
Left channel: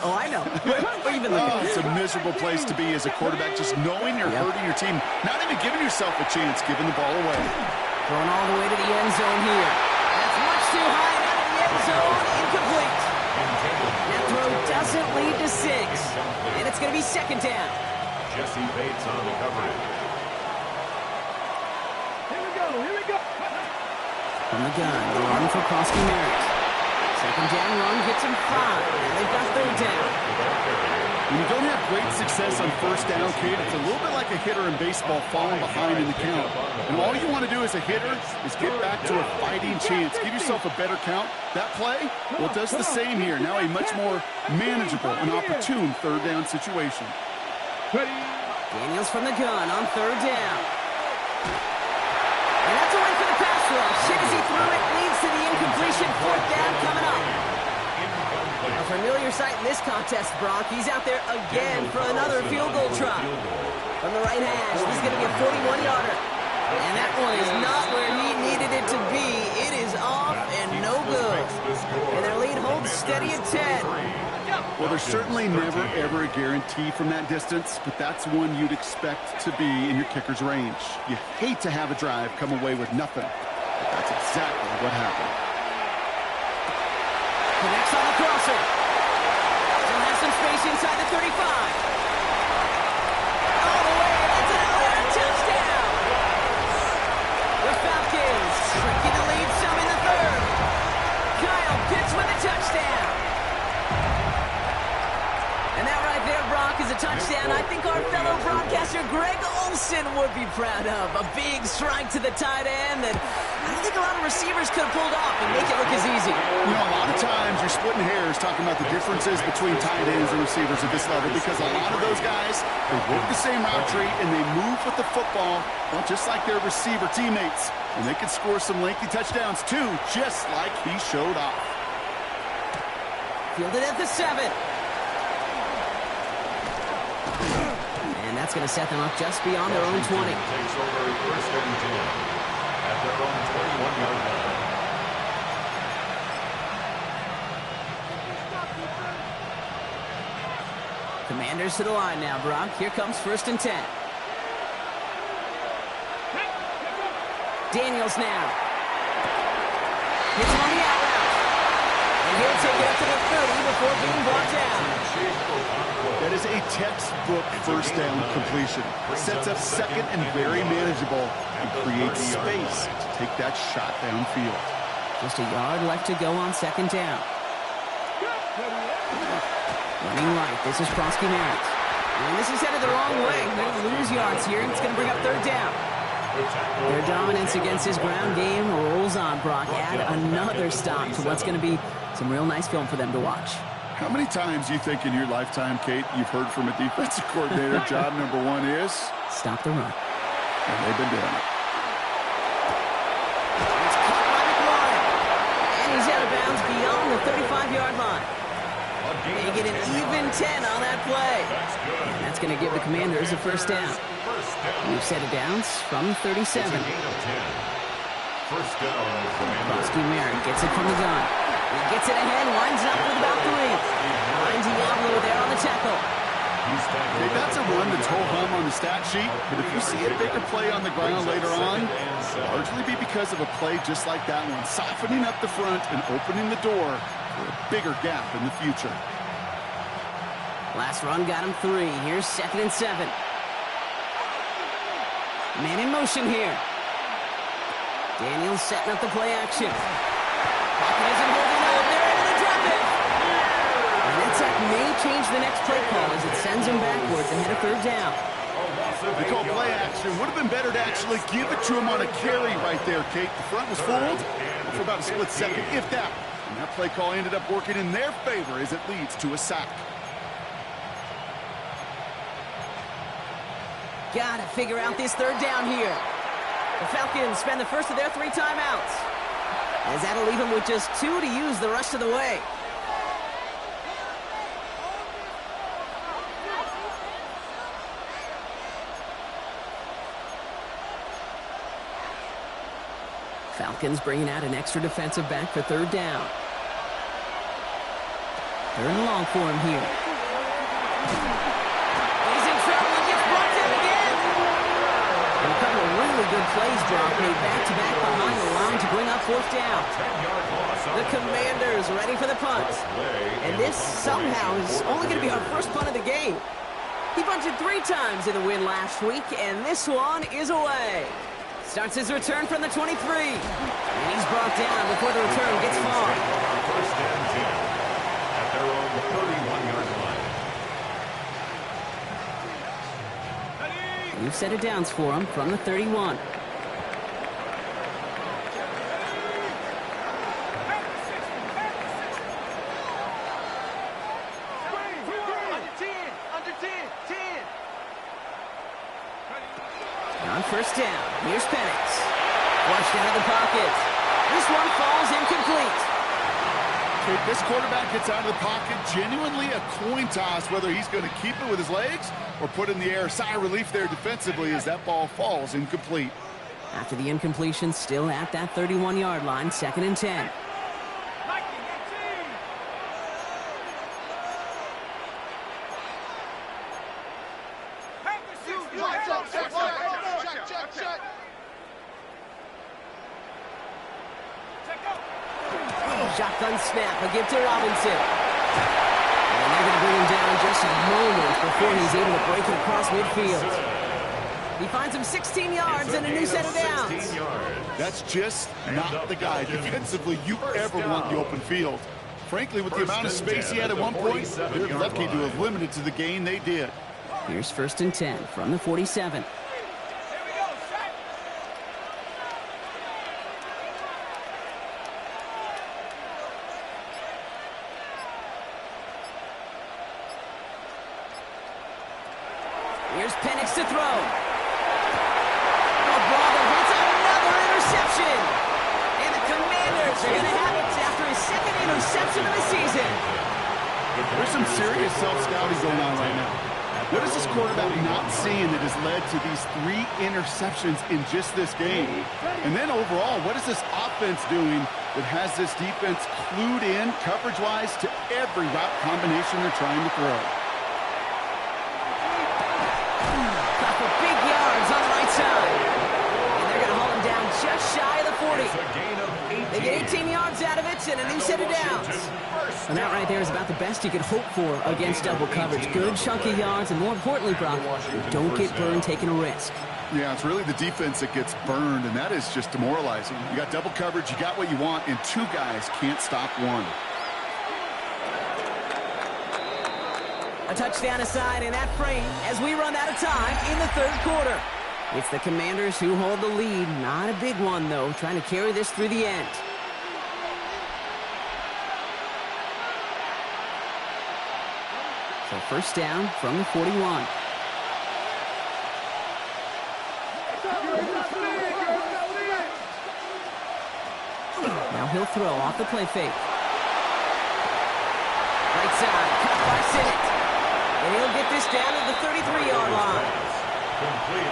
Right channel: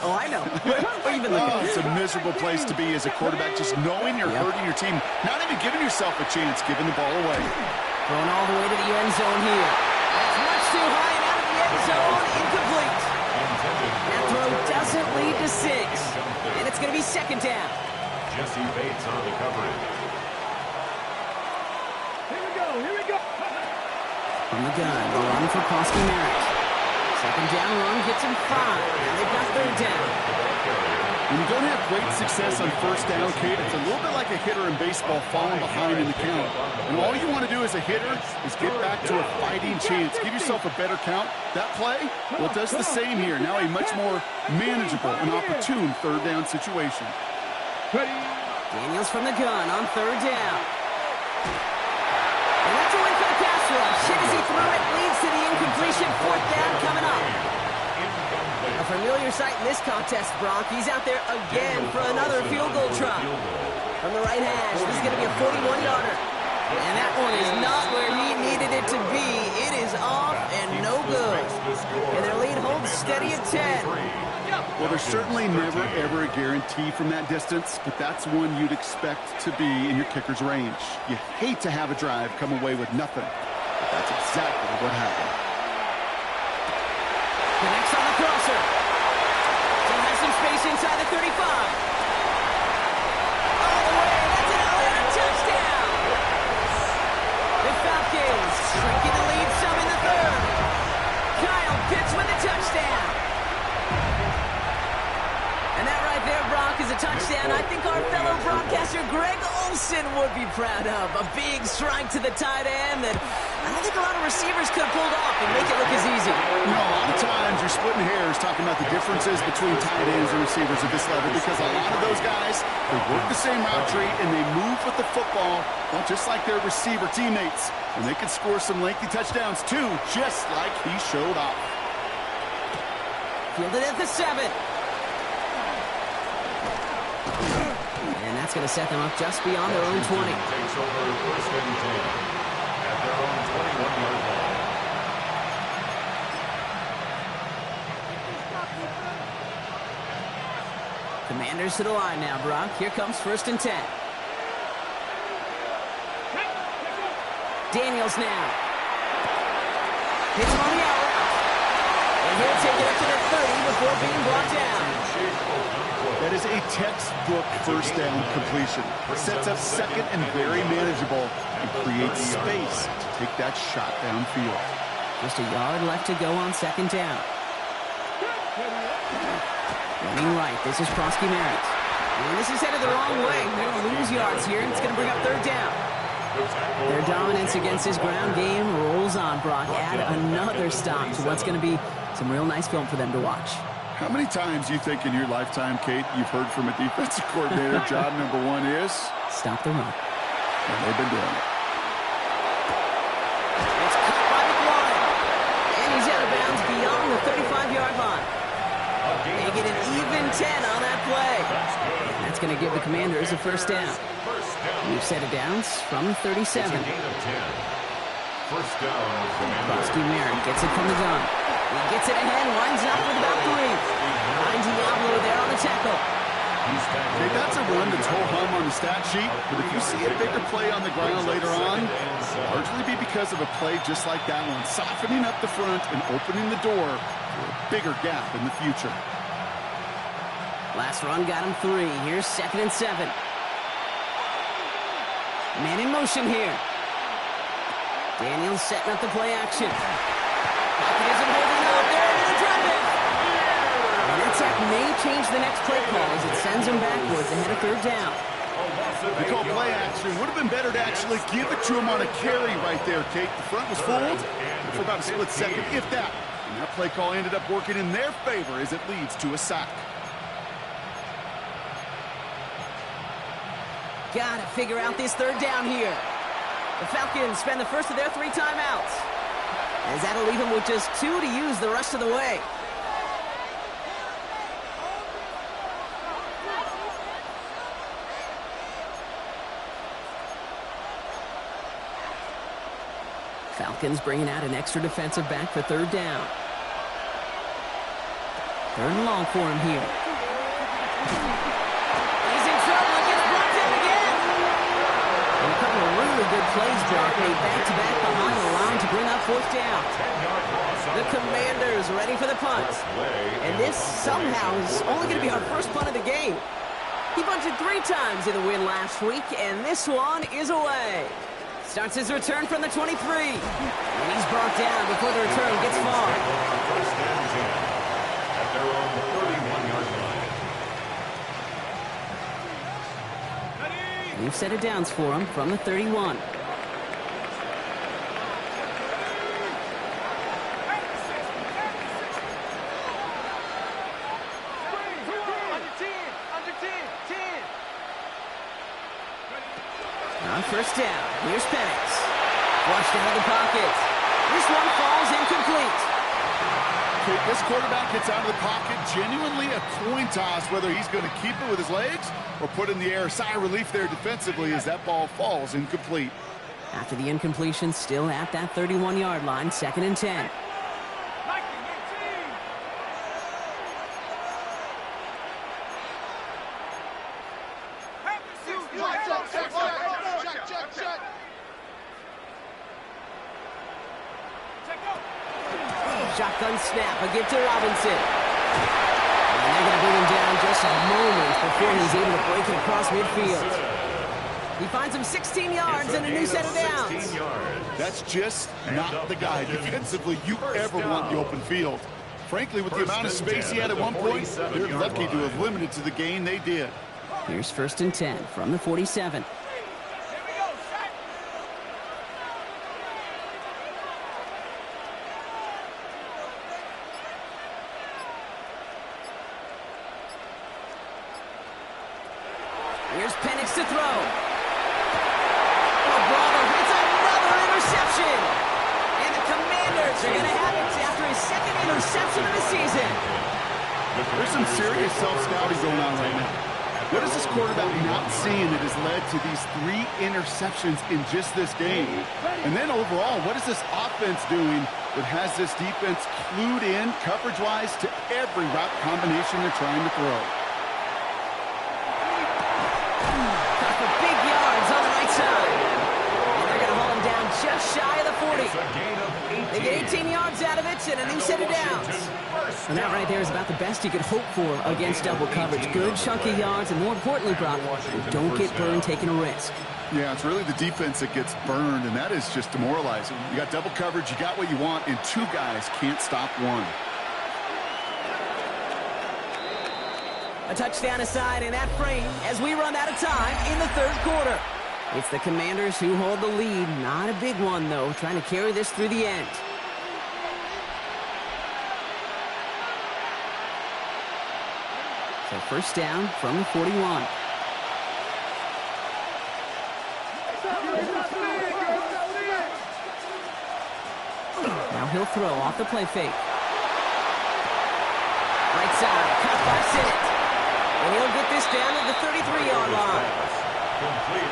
Oh, I know. Where are you even looking? Oh, it's a miserable place to be as a quarterback, just knowing you're hurting your team, not even giving yourself a chance, giving the ball away. Thrown all the way to the end zone here. That's much too high and out of the end zone. Incomplete. That throw doesn't lead to 6. And it's going to be 2nd down. Jesse Bates on the coverage. Here we go. From the gun, the run for Krosky Merritt. Second down run gets him 5. Now they've got third down. When you don't have great success on first down, Kate, it's a little bit like a hitter in baseball falling behind in the count. And all you want to do as a hitter is get back to a fighting chance. Give yourself a better count. That play, well, it does the same here. Now a much more manageable and opportune third down situation. Daniels from the gun on third down. And that's a win for the pass rush. Hit as he threw it, leads to the incompletion. Fourth down coming up. A familiar sight in this contest, Brock. He's out there again for another field goal try. From the right hash, this is going to be a 41-yarder. And that one is not where he needed it to be. It is off and no good. And their lead holds steady at 10. Well, there's certainly never, ever a guarantee from that distance, but that's one you'd expect to be in your kicker's range. You hate to have a drive come away with nothing, but that's exactly what happened. Connects on the crosser. Still has some space inside the 35. All the way, that's an Atlanta touchdown. The Falcons shrinking the lead some in the third. Kyle Pitts with a touchdown. And that right there, Brock, is a touchdown I think our fellow broadcaster Greg Olsen would be proud of. A big strike to the tight end that I don't think a lot of receivers could have pulled off and make it look as easy. You know, a lot of times you're splitting hairs talking about the differences between tight ends and receivers at this level because a lot of those guys, they work the same route tree and they move with the football, well, just like their receiver teammates. And they can score some lengthy touchdowns, too, just like he showed off. Fielded at the 7. And that's going to set them up just beyond their own 20. Takes over first and 10 at their own 21-yard line. Commanders to the line now, Brock. Here comes first and 10. Daniels now. Hits him on the out route. And he'll take it up to the 30 before being brought down. That is a textbook first down completion. Sets up second and very manageable and creates space to take that shot downfield. Just a yard left to go on second down. Running right, this is Prosky Merritt. And this is headed the wrong way. They're going to lose yards here, and it's going to bring up third down. Their dominance against his ground game rolls on, Brock. Add another stop to what's going to be some real nice film for them to watch. How many times do you think in your lifetime, Kate, you've heard from a defensive coordinator, job number one is? Stop the run. And they've been doing it. It's caught by McLaurin. And he's out of bounds beyond the 35-yard line. They get an even 10 on that play. And that's going to give the Commanders a first down. We've set it downs from 37. First down, Prosky Merritt gets it from the gun. He gets it ahead, winds up with about 3. Finds Diablo there on the tackle. Okay, that's a run that's ho-hum on the stat sheet, but if you see a bigger play on the ground later on, it'll largely be because of a play just like that one, softening up the front and opening the door for a bigger gap in the future. Last run got him 3. Here's second and 7. Man in motion here. Daniels setting up the play action. Pocket isn't holding up. They're able to drop it. And that sack may change the next play call as it sends him backwards ahead of third down. They call play action. Would have been better to actually give it to him on a carry right there, Kate. The front was fooled for about a split second, if that. And that play call ended up working in their favor as it leads to a sack. Gotta figure out this third down here. The Falcons spend the first of their 3 timeouts, as that'll leave them with just 2 to use the rest of the way. Falcons bringing out an extra defensive back for third down. Third and long for him here. He's in trouble and gets brought down again. And a couple of really good plays, Brock, made back-to-back behind the line to bring up fourth down. The Commanders ready for the punt. And this somehow is only going to be our first punt of the game. He punted 3 times in the win last week, and this one is away. Starts his return from the 23. And he's brought down before the return gets far. First and New set of downs for him from the 31. On first down, here's Penix. Flushed out of the pocket. This one falls incomplete. Okay, this quarterback gets out of the pocket, genuinely a coin toss whether he's going to keep it with his legs or put it in the air. Sigh of relief there defensively as that ball falls incomplete. After the incompletion, still at that 31-yard line, 2nd and 10. Shotgun snap, a give to Robinson. And they're going to bring him down just moments before he's able to break it across midfield. He finds him 16 yards and a new set of downs. That's just not the guy defensively you ever want in the open field. Frankly, with the amount of space he had at one point, they're lucky to have limited to the gain they did. Here's 1st and 10 from the 47. Here's Penix to throw. Oh, brother, it's another interception. And the Commanders are going to have it after his 2nd interception of the season. There's some serious self-scouting going on right now. What is this quarterback not seeing that has led to these 3 interceptions in just this game? And then overall, what is this offense doing that has this defense clued in coverage-wise to every route combination they're trying to throw? For big yards on the right side. And they're going to haul him down just shy of the 40. They get 18 yards out of it and a new set of downs. And that right there is about the best you could hope for against double coverage. Good chunky yards, and more importantly, Brock, don't get burned taking a risk. Yeah, it's really the defense that gets burned, and that is just demoralizing. You got double coverage, you got what you want, and 2 guys can't stop one. A touchdown aside in that frame as we run out of time in the 3rd quarter. It's the Commanders who hold the lead. Not a big one, though, trying to carry this through the end. So 1st down from the 41. Now he'll throw off the play fake. Right side, cut by Sinnott. And he'll get this down to the 33-yard line.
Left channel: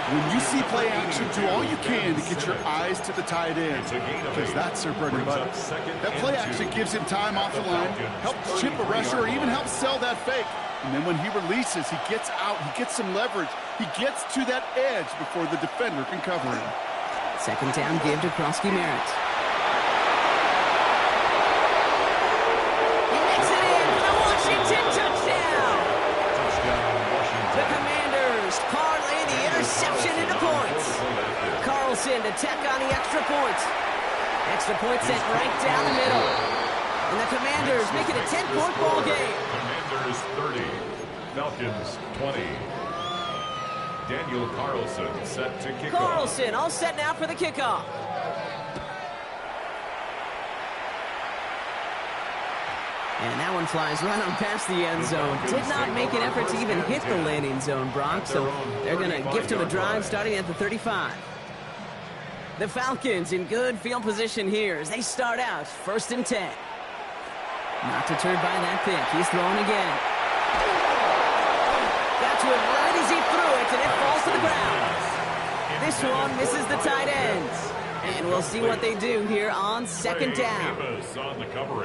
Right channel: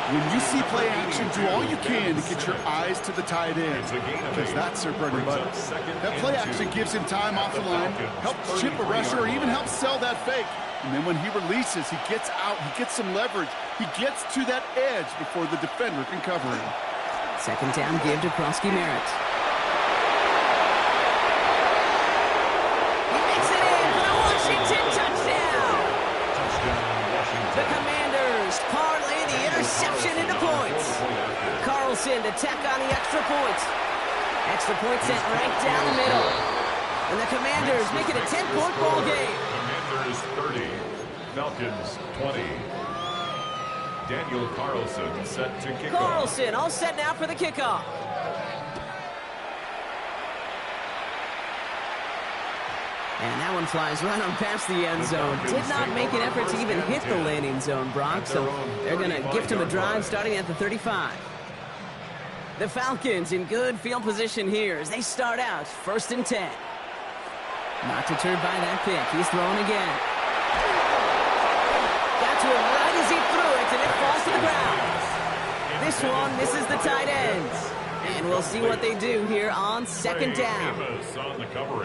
When you see play action, do all you can to get your eyes to the tight end, because that's their bread and butter. That play action gives him time off the line, helps chip a rusher, or even helps sell that fake. And then when he releases, he gets out, he gets some leverage. He gets to that edge before the defender can cover him. 2nd down give to Krosky Merritt. He makes it in for the Washington touchdown. The Commanders parlay the interception into points. Carlson to tack on the extra point. Extra point sent right down the middle. And the Commanders make it a 10-point ball game. Commanders 30, Falcons 20. Daniel Carlson set to kick off. Carlson all set now for the kickoff. And that one flies right on past the end zone. Did not make an effort to even hit the landing zone, Brock. So they're going to gift him a drive starting at the 35. The Falcons in good field position here as they start out 1st and 10. Not deterred by that pick. He's throwing again. Got to him right as he threw it, and it falls to the ground. This one misses the tight ends. And we'll see what they do here on 2nd down.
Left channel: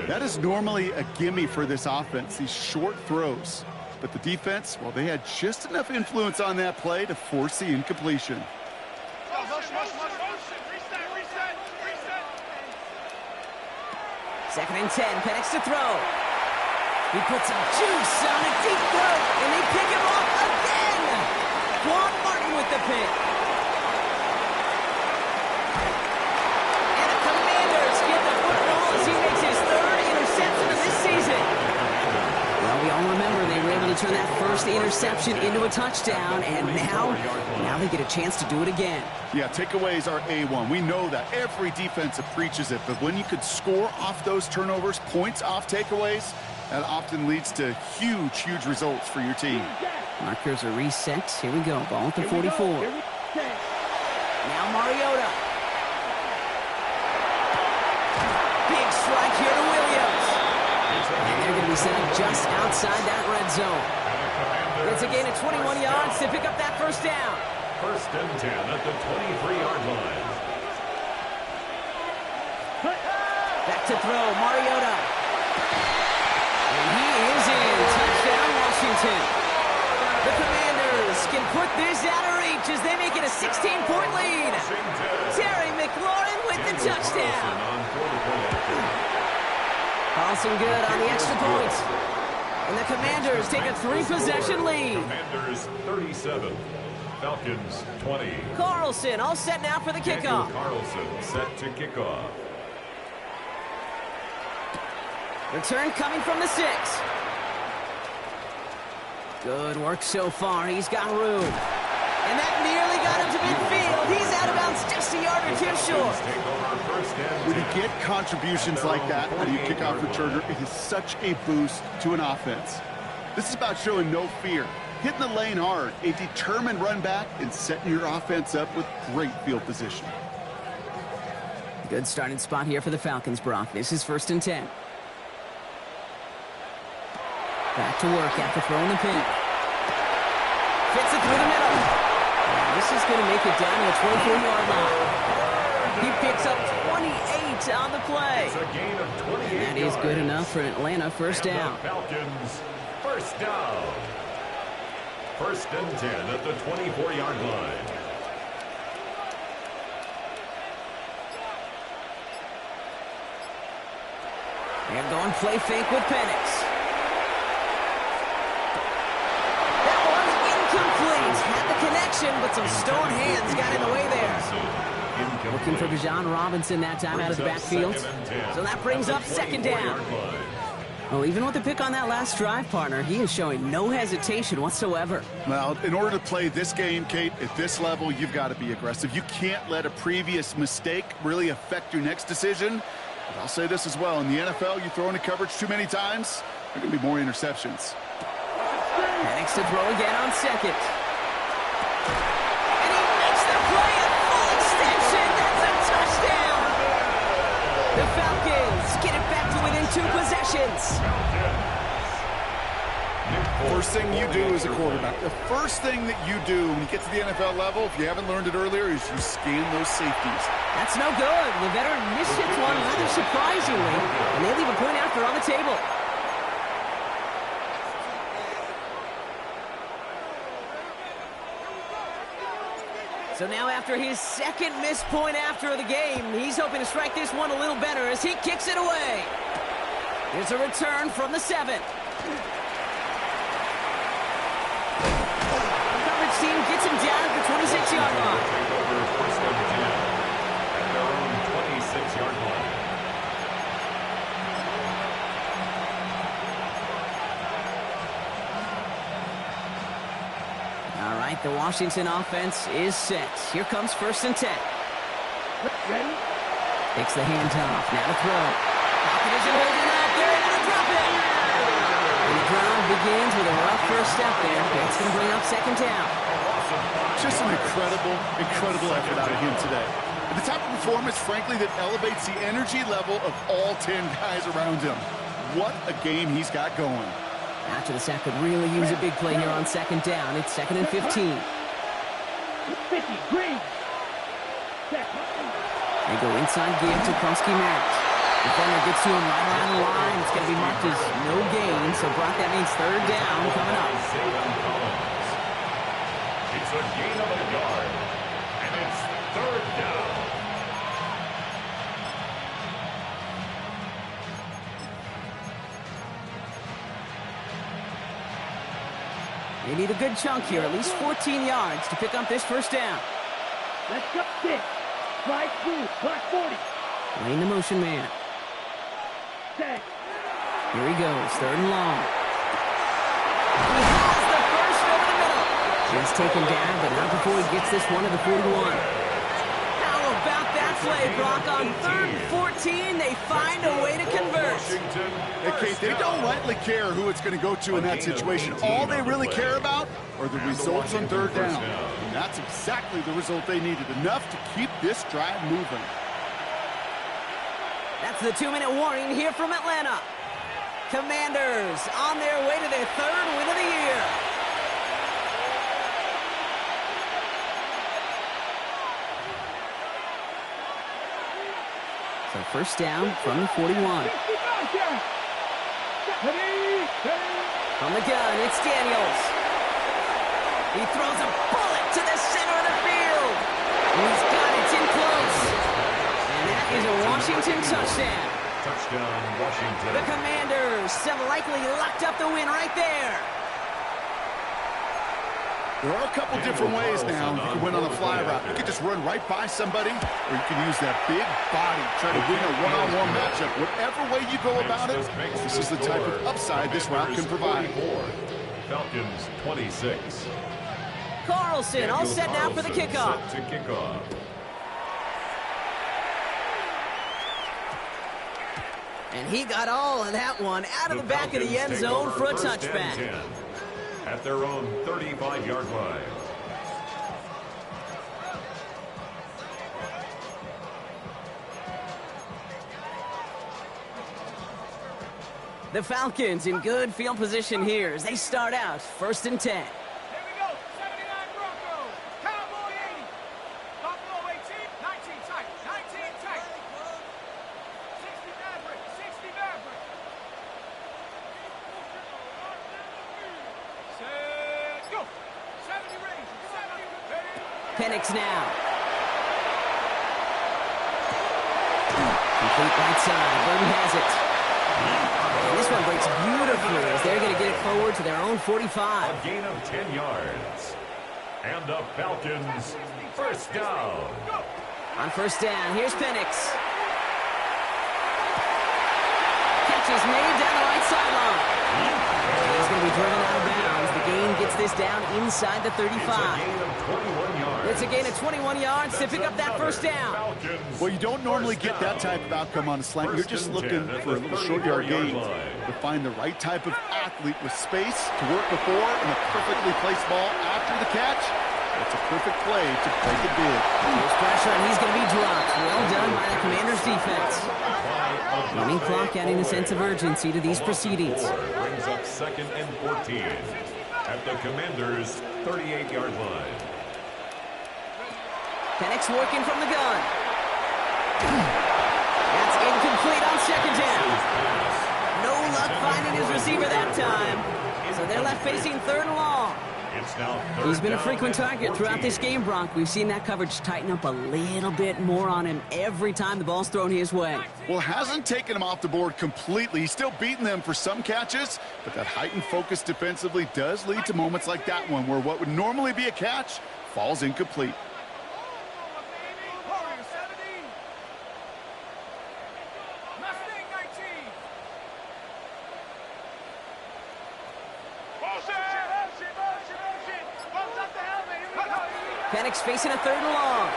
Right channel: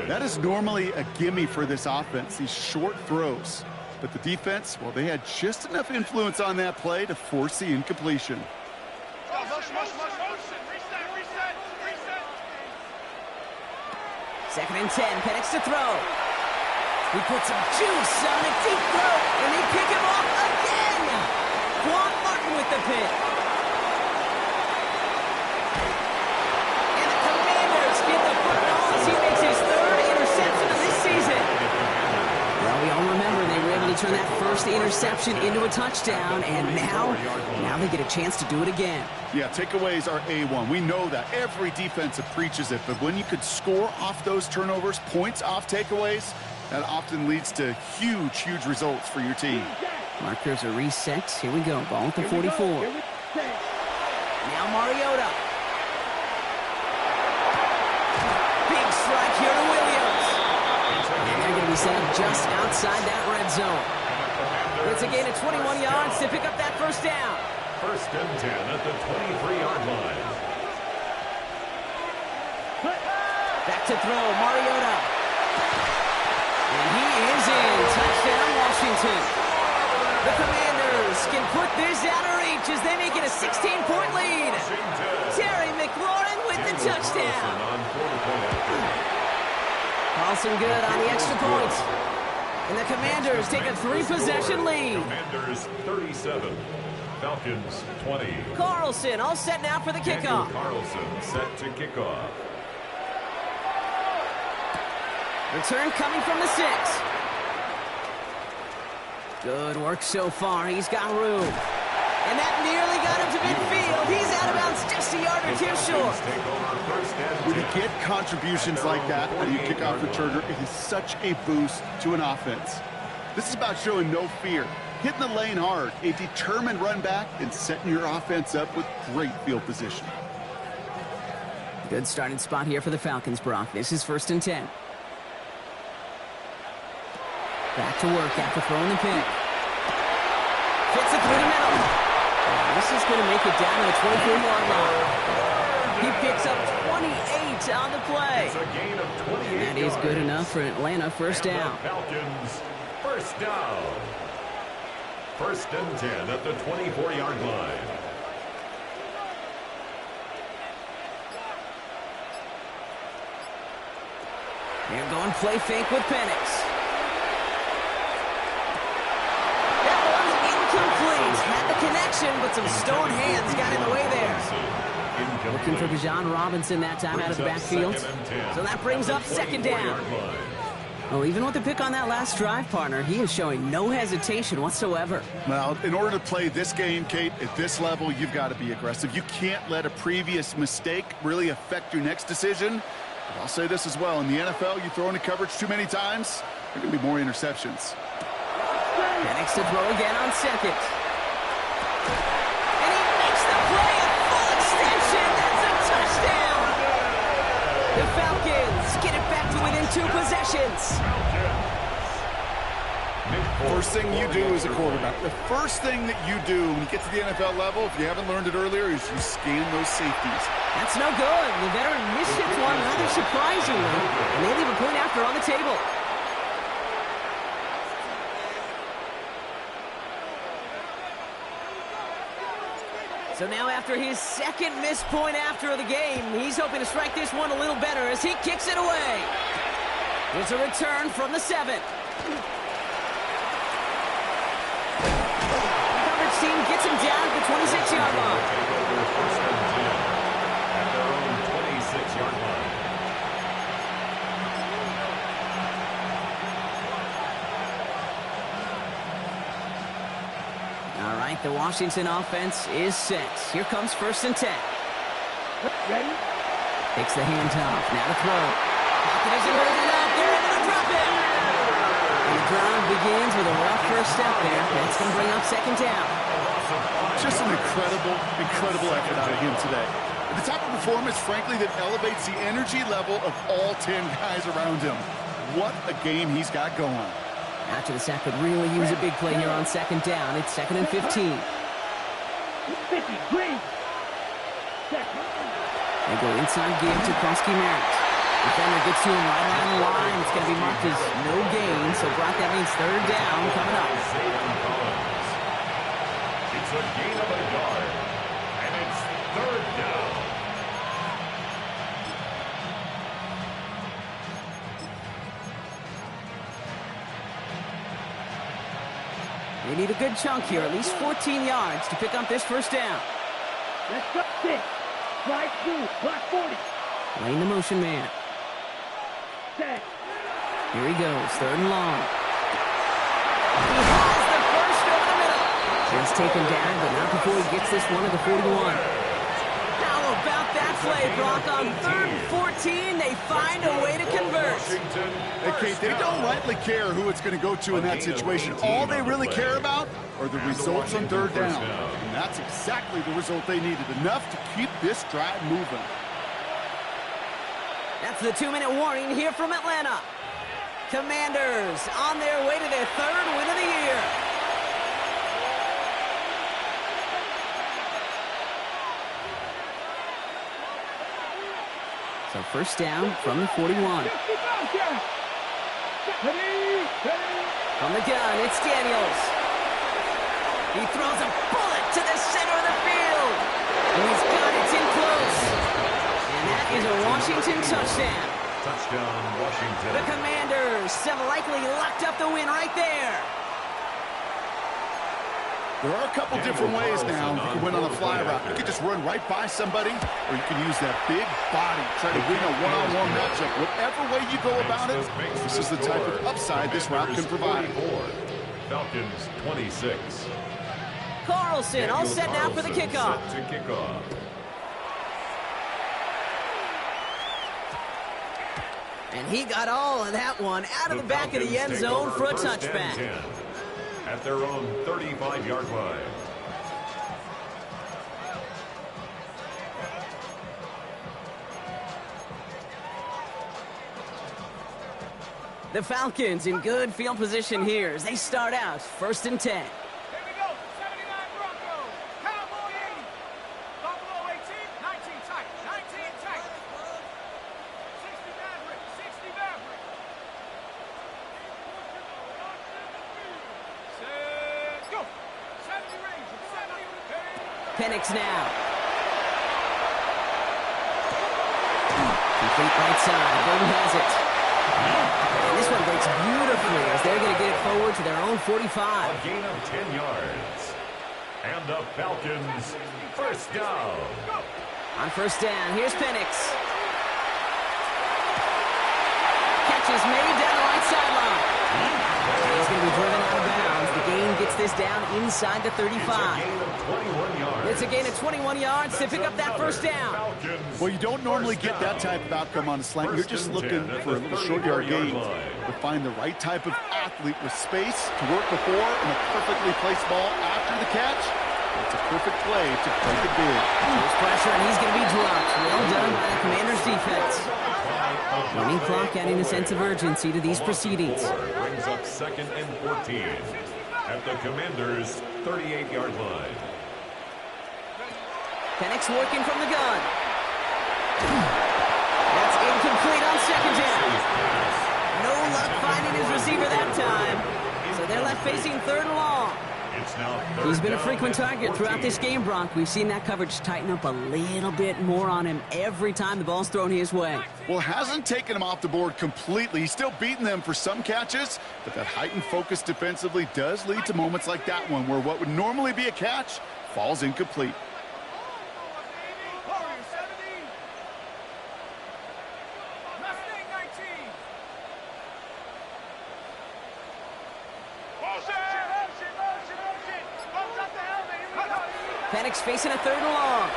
That is normally a gimme for this offense, these short throws. But the defense, well, they had just enough influence on that play to force the incompletion. Second and 10, Penix to throw. He puts some juice on a deep throw, and they pick him off again. Quan Martin with the pick. And the Commanders get the football as he makes his 3rd interception of this season. Well, we all remember they were able to turn that first interception into a touchdown, and now they get a chance to do it again. Yeah, takeaways are A1. We know that. Every defensive preaches it, but when you could score off those turnovers, points off takeaways, that often leads to huge, huge results for your team. Markers are reset. Here we go. Ball at the 44. Now Mariota. Big strike here to Williams. And they're going to be set up just outside that red zone. It's a gain of 21 yards to pick up that first down. First and 10 at the 23-yard line. Back to throw, Mariota. And he is in. Touchdown, Washington. The Commanders can put this out of reach as they make it a 16-point lead. Terry McLaurin with the touchdown. Carlson good on the extra point. And the Commanders take a 3-possession lead. Commanders 37, Falcons 20. Carlson all set now for the kickoff. Carlson set to kickoff. Return coming from the 6. Good work so far. He's got room. And that nearly got him to midfield. He's out of bounds just a yard or two short. When you get contributions like that out of your kickoff returner, it is such a boost to an offense. This is about showing no fear, hitting the lane hard, a determined run back, and setting your offense up with great field position. Good starting spot here for the Falcons, Brock. This is 1st and 10. Back to work after throwing the pick. Fits it through the middle. And this is going to make it down to the 24-yard line. He picks up 28 on the play. It's a gain of 28 and that is good enough for an Atlanta first down. Falcons first down. 1st and 10 at the 24-yard line. They're going play fake with Penix. Incomplete. Had the connection, but some stone hands got in the way there. Looking for Bijan Robinson that time out of the backfield. So that brings up 2nd down. Well, even with the pick on that last drive, partner, he is showing no hesitation whatsoever. Well, in order to play this game, Kate, at this level, you've got to be aggressive. You can't let a previous mistake really affect your next decision. But I'll say this as well. In the NFL, you throw into coverage too many times, there are going to be more interceptions. Penix to throw again on 2nd. And he makes the play at full extension. That's a touchdown. The Falcons get it back to within 2 possessions. First thing you do as a quarterback, the first thing that you do when you get to the NFL level, if you haven't learned it earlier, is you scan those safeties. That's no good. The veteran mishits one rather surprisingly, and they leave a point after on the table. So now after his 2nd missed point after the game, he's hoping to strike this one a little better as he kicks it away. Here's a return from the 7. The coverage team gets him down at the 26-yard line. Take over 1st and 10 at their own 26-yard line. All right, the Washington offense is set. Here comes 1st and 10. Ready? Takes the handoff. Now to throw. Falcon isn't holding up. They're able to drop it. And the drive begins with a rough first step there. That's going to bring up 2nd down. Just an incredible effort out of him today. And the type of performance, frankly, that elevates the energy level of all 10 guys around him. What a game he's got going. After the sack could really use a big play here on 2nd down. It's 2nd and 15. 50, green. They go inside give to Kronsky Merritt. Defender gets to him right around the line. It's going to be marked as no gain. So, Brock, that means 3rd down coming up. It's a gain of a yard. And it's 3rd down. They need a good chunk here, at least 14 yards to pick up this first down. Let's go. 6. Right through. Block 40. Lane the motion man. Set. Here he goes, 3rd and long. He has the first over the middle. Just taken down, but not before he gets this one to the 41. How about that play, Brock? On 3rd and 14, they find a way to convert. Hey, Kate, they don't rightly care who it's going to go to in that situation. All they really care about are the results on 3rd down. And that's exactly the result they needed, enough to keep this drive moving. That's the 2-minute warning here from Atlanta. Commanders on their way to their 3rd win of the year. So 1st down from the 41. From the gun, it's Daniels. He throws a bullet to the center of the field. And he's got it in close. And that is a Washington touchdown. Touchdown, Washington. The Commanders have likely locked up the win right there. There are a couple different ways now you can win on the fly route. You can just run right by somebody, or you can use that big body, try to win a one-on-one matchup. Whatever way you go about it, this is the type of upside this route can provide. Falcons 26. Carlson all set now for the kickoff. Set to kickoff. And he got all of that one out of the back of the end zone for a touchback. At their own 35-yard line. The Falcons in good field position here as they start out 1st and 10. Here we go. 79 Broncos. Cowboy 80. Buffalo 18. 19 tight. 19 tight. 60 Maverick. 60 Maverick. Set. Go. 70 range. 70. Penix now. Complete right side. Burton has it. And this one breaks beautifully as they're going to get it forward to their own 45. A gain of 10 yards. And the Falcons 1st down. On 1st down, here's Penix. Catch is made down the right sideline. And he's going to be driven out of bounds. The gain gets this down inside the 35. It's a gain of 21 yards. It's a gain of 21 yards to pick up that 1st down. Falcons Well, you don't normally get that type of outcome on a slant. You're just looking for a little short yard gain. To find the right type of athlete with space to work before and a perfectly placed ball after the catch. That's a perfect play to break it big. There's pressure, and he's going to be dropped. Well done by the Commanders' defense. Running clock adding a sense of urgency to these proceedings. Brings up 2nd and 14 at the Commanders' 38-yard line. Penix working from the gun. That's incomplete on 2nd down. No luck finding his receiver that time. So they're left facing 3rd and long. It's now He's been a frequent target throughout this game, Bronk. We've seen that coverage tighten up a little bit more on him every time the ball's thrown his way. Well, hasn't taken him off the board completely. He's still beating them for some catches, but that heightened focus defensively does lead to moments like that one where what would normally be a catch falls incomplete. Warrior 70. Mustang 19. Motion. Bumps up the helmet. Here we go. Penix facing a 3rd and long.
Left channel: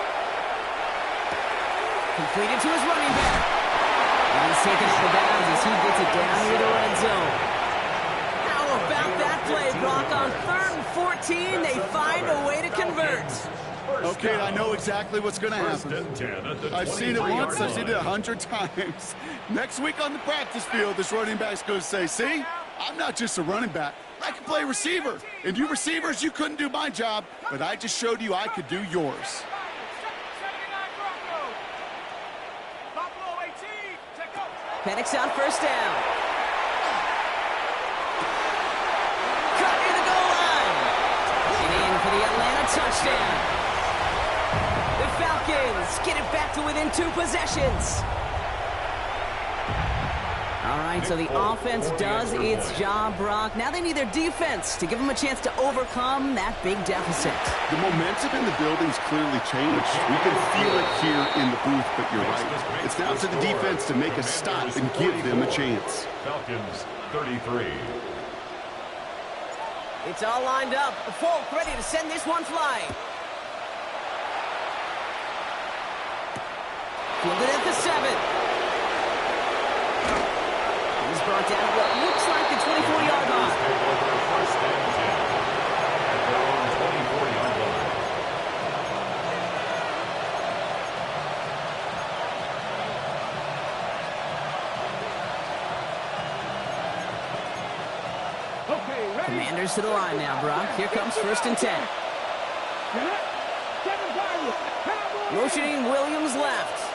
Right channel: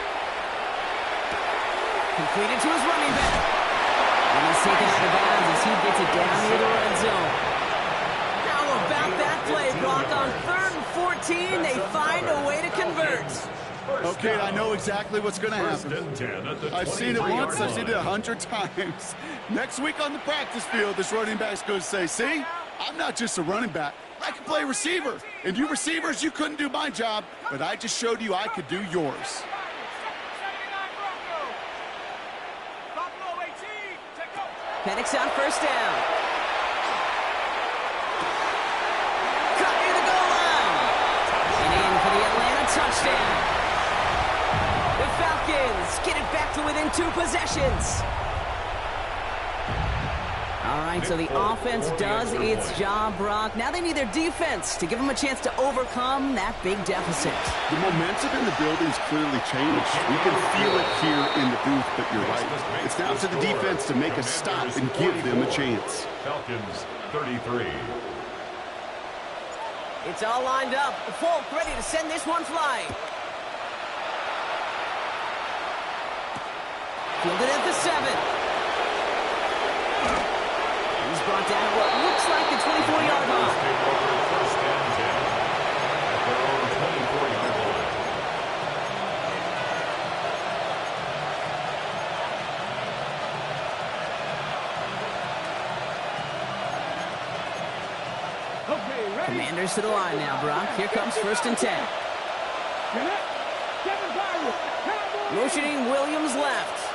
Completed to his running back. And he's taken out of bounds as he gets it down near the red zone. How about that play, Brock? On 3rd and 14, they find a way to convert. Okay, I know exactly what's going to happen. I've seen it once, I've seen it 100 times. Next week on the practice field, this running back's going to say, see, I'm not just a running back. I can play receiver. And you receivers, you couldn't do my job, but I just showed you I could do yours. 79 Broncos. Buffalo 18. Take go. Penix on 1st down. Cut near the goal line. And in for the Atlanta touchdown. The Falcons get it back to within 2 possessions. All right, so the offense does its job, Brock. Now they need their defense to give them a chance to overcome that big deficit. The momentum in the building's clearly changed. We can feel it here in the booth, but you're right. It's now to the defense to make a stop and give them a chance. Falcons 33. It's all lined up. Folk ready to send this one flying. Fielded at the 7. He's brought down at what looks like the 24-yard line. Take over 1st and 10 at their own 24-yard line. Okay, ready? Commanders to the line now, Brock. Here comes 1st and 10. Motioning Williams left.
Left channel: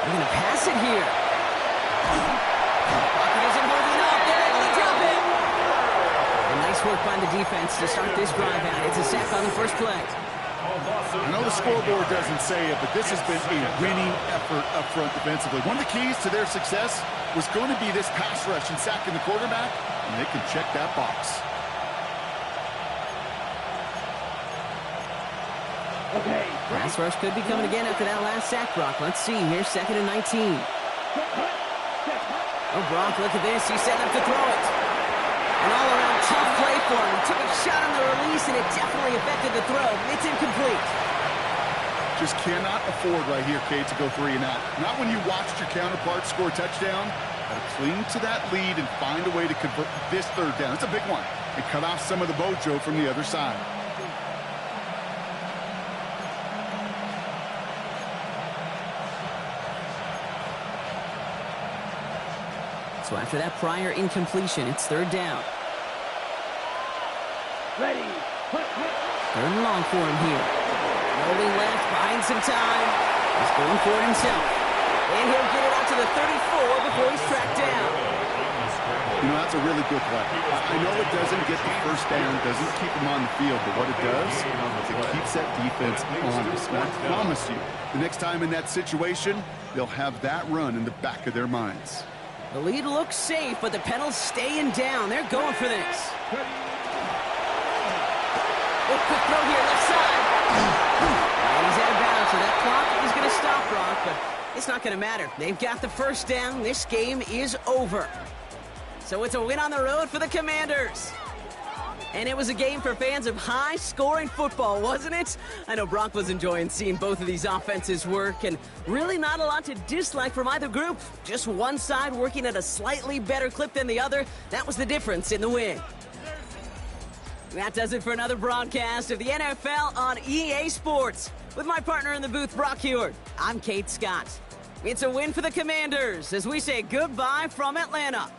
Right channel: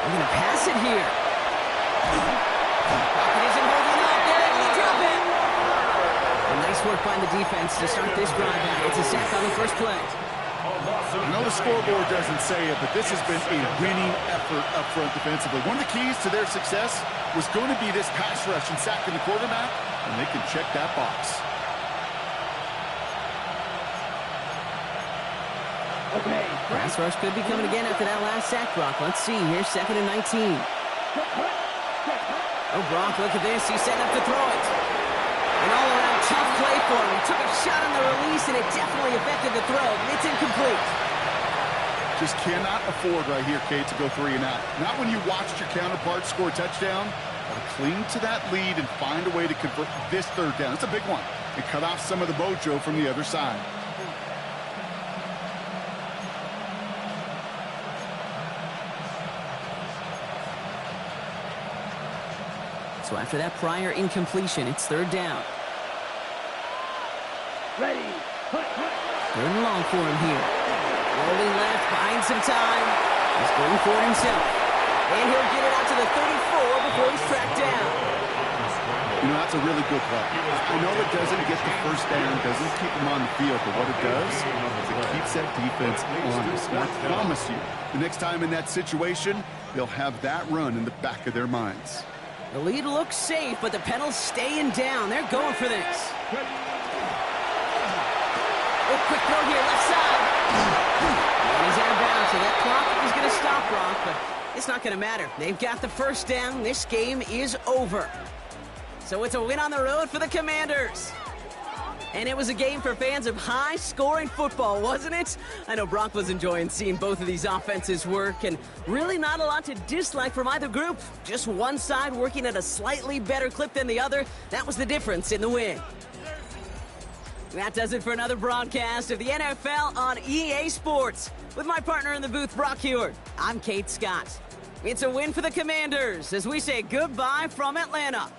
They're going to pass it here. Pocket isn't holding up. They're able to drop it. And nice work by the defense to start this drive out. It's a sack on the first play. I know the scoreboard doesn't say it, but this has been a winning effort up front defensively. One of the keys to their success was going to be this pass rush and sacking the quarterback, and they can check that box. Okay. Pass rush could be coming again after that last sack, Brock. Let's see here, 2nd and 19. Oh, Brock, look at this. He's setting up to throw it. An all-around tough play for him. He took a shot on the release, and it definitely affected the throw. It's incomplete. Just cannot afford right here, Kate, to go 3 and out. Not when you watched your counterpart score a touchdown. Got to cling to that lead and find a way to convert this 3rd down. It's a big one. And cut off some of the mojo from the other side. So after that prior incompletion, it's 3rd down. Ready. 3rd and long for him here. Rolling left, buying some time. He's going for it himself. And he'll get it out to the 34 before he's tracked down. You know, that's a really good play. I know it doesn't get the 1st down, doesn't keep him on the field, but what it does is it keeps that defense honest. And I promise you, the next time in that situation, they'll have that run in the back of their minds. The lead looks safe, but the pedal's staying down. They're going for this. Oh, quick throw here, left side. And he's out of bounds, so that clock is going to stop, Brock, but it's not going to matter. They've got the 1st down. This game is over. So it's a win on the road for the Commanders. And it was a game for fans of high-scoring football, wasn't it? I know Brock was enjoying seeing both of these offenses work, and really not a lot to dislike from either group. Just one side working at a slightly better clip than the other. That was the difference in the win. That does it for another broadcast of the NFL on EA Sports. With my partner in the booth, Brock Heward, I'm Kate Scott. It's a win for the Commanders as we say goodbye from Atlanta.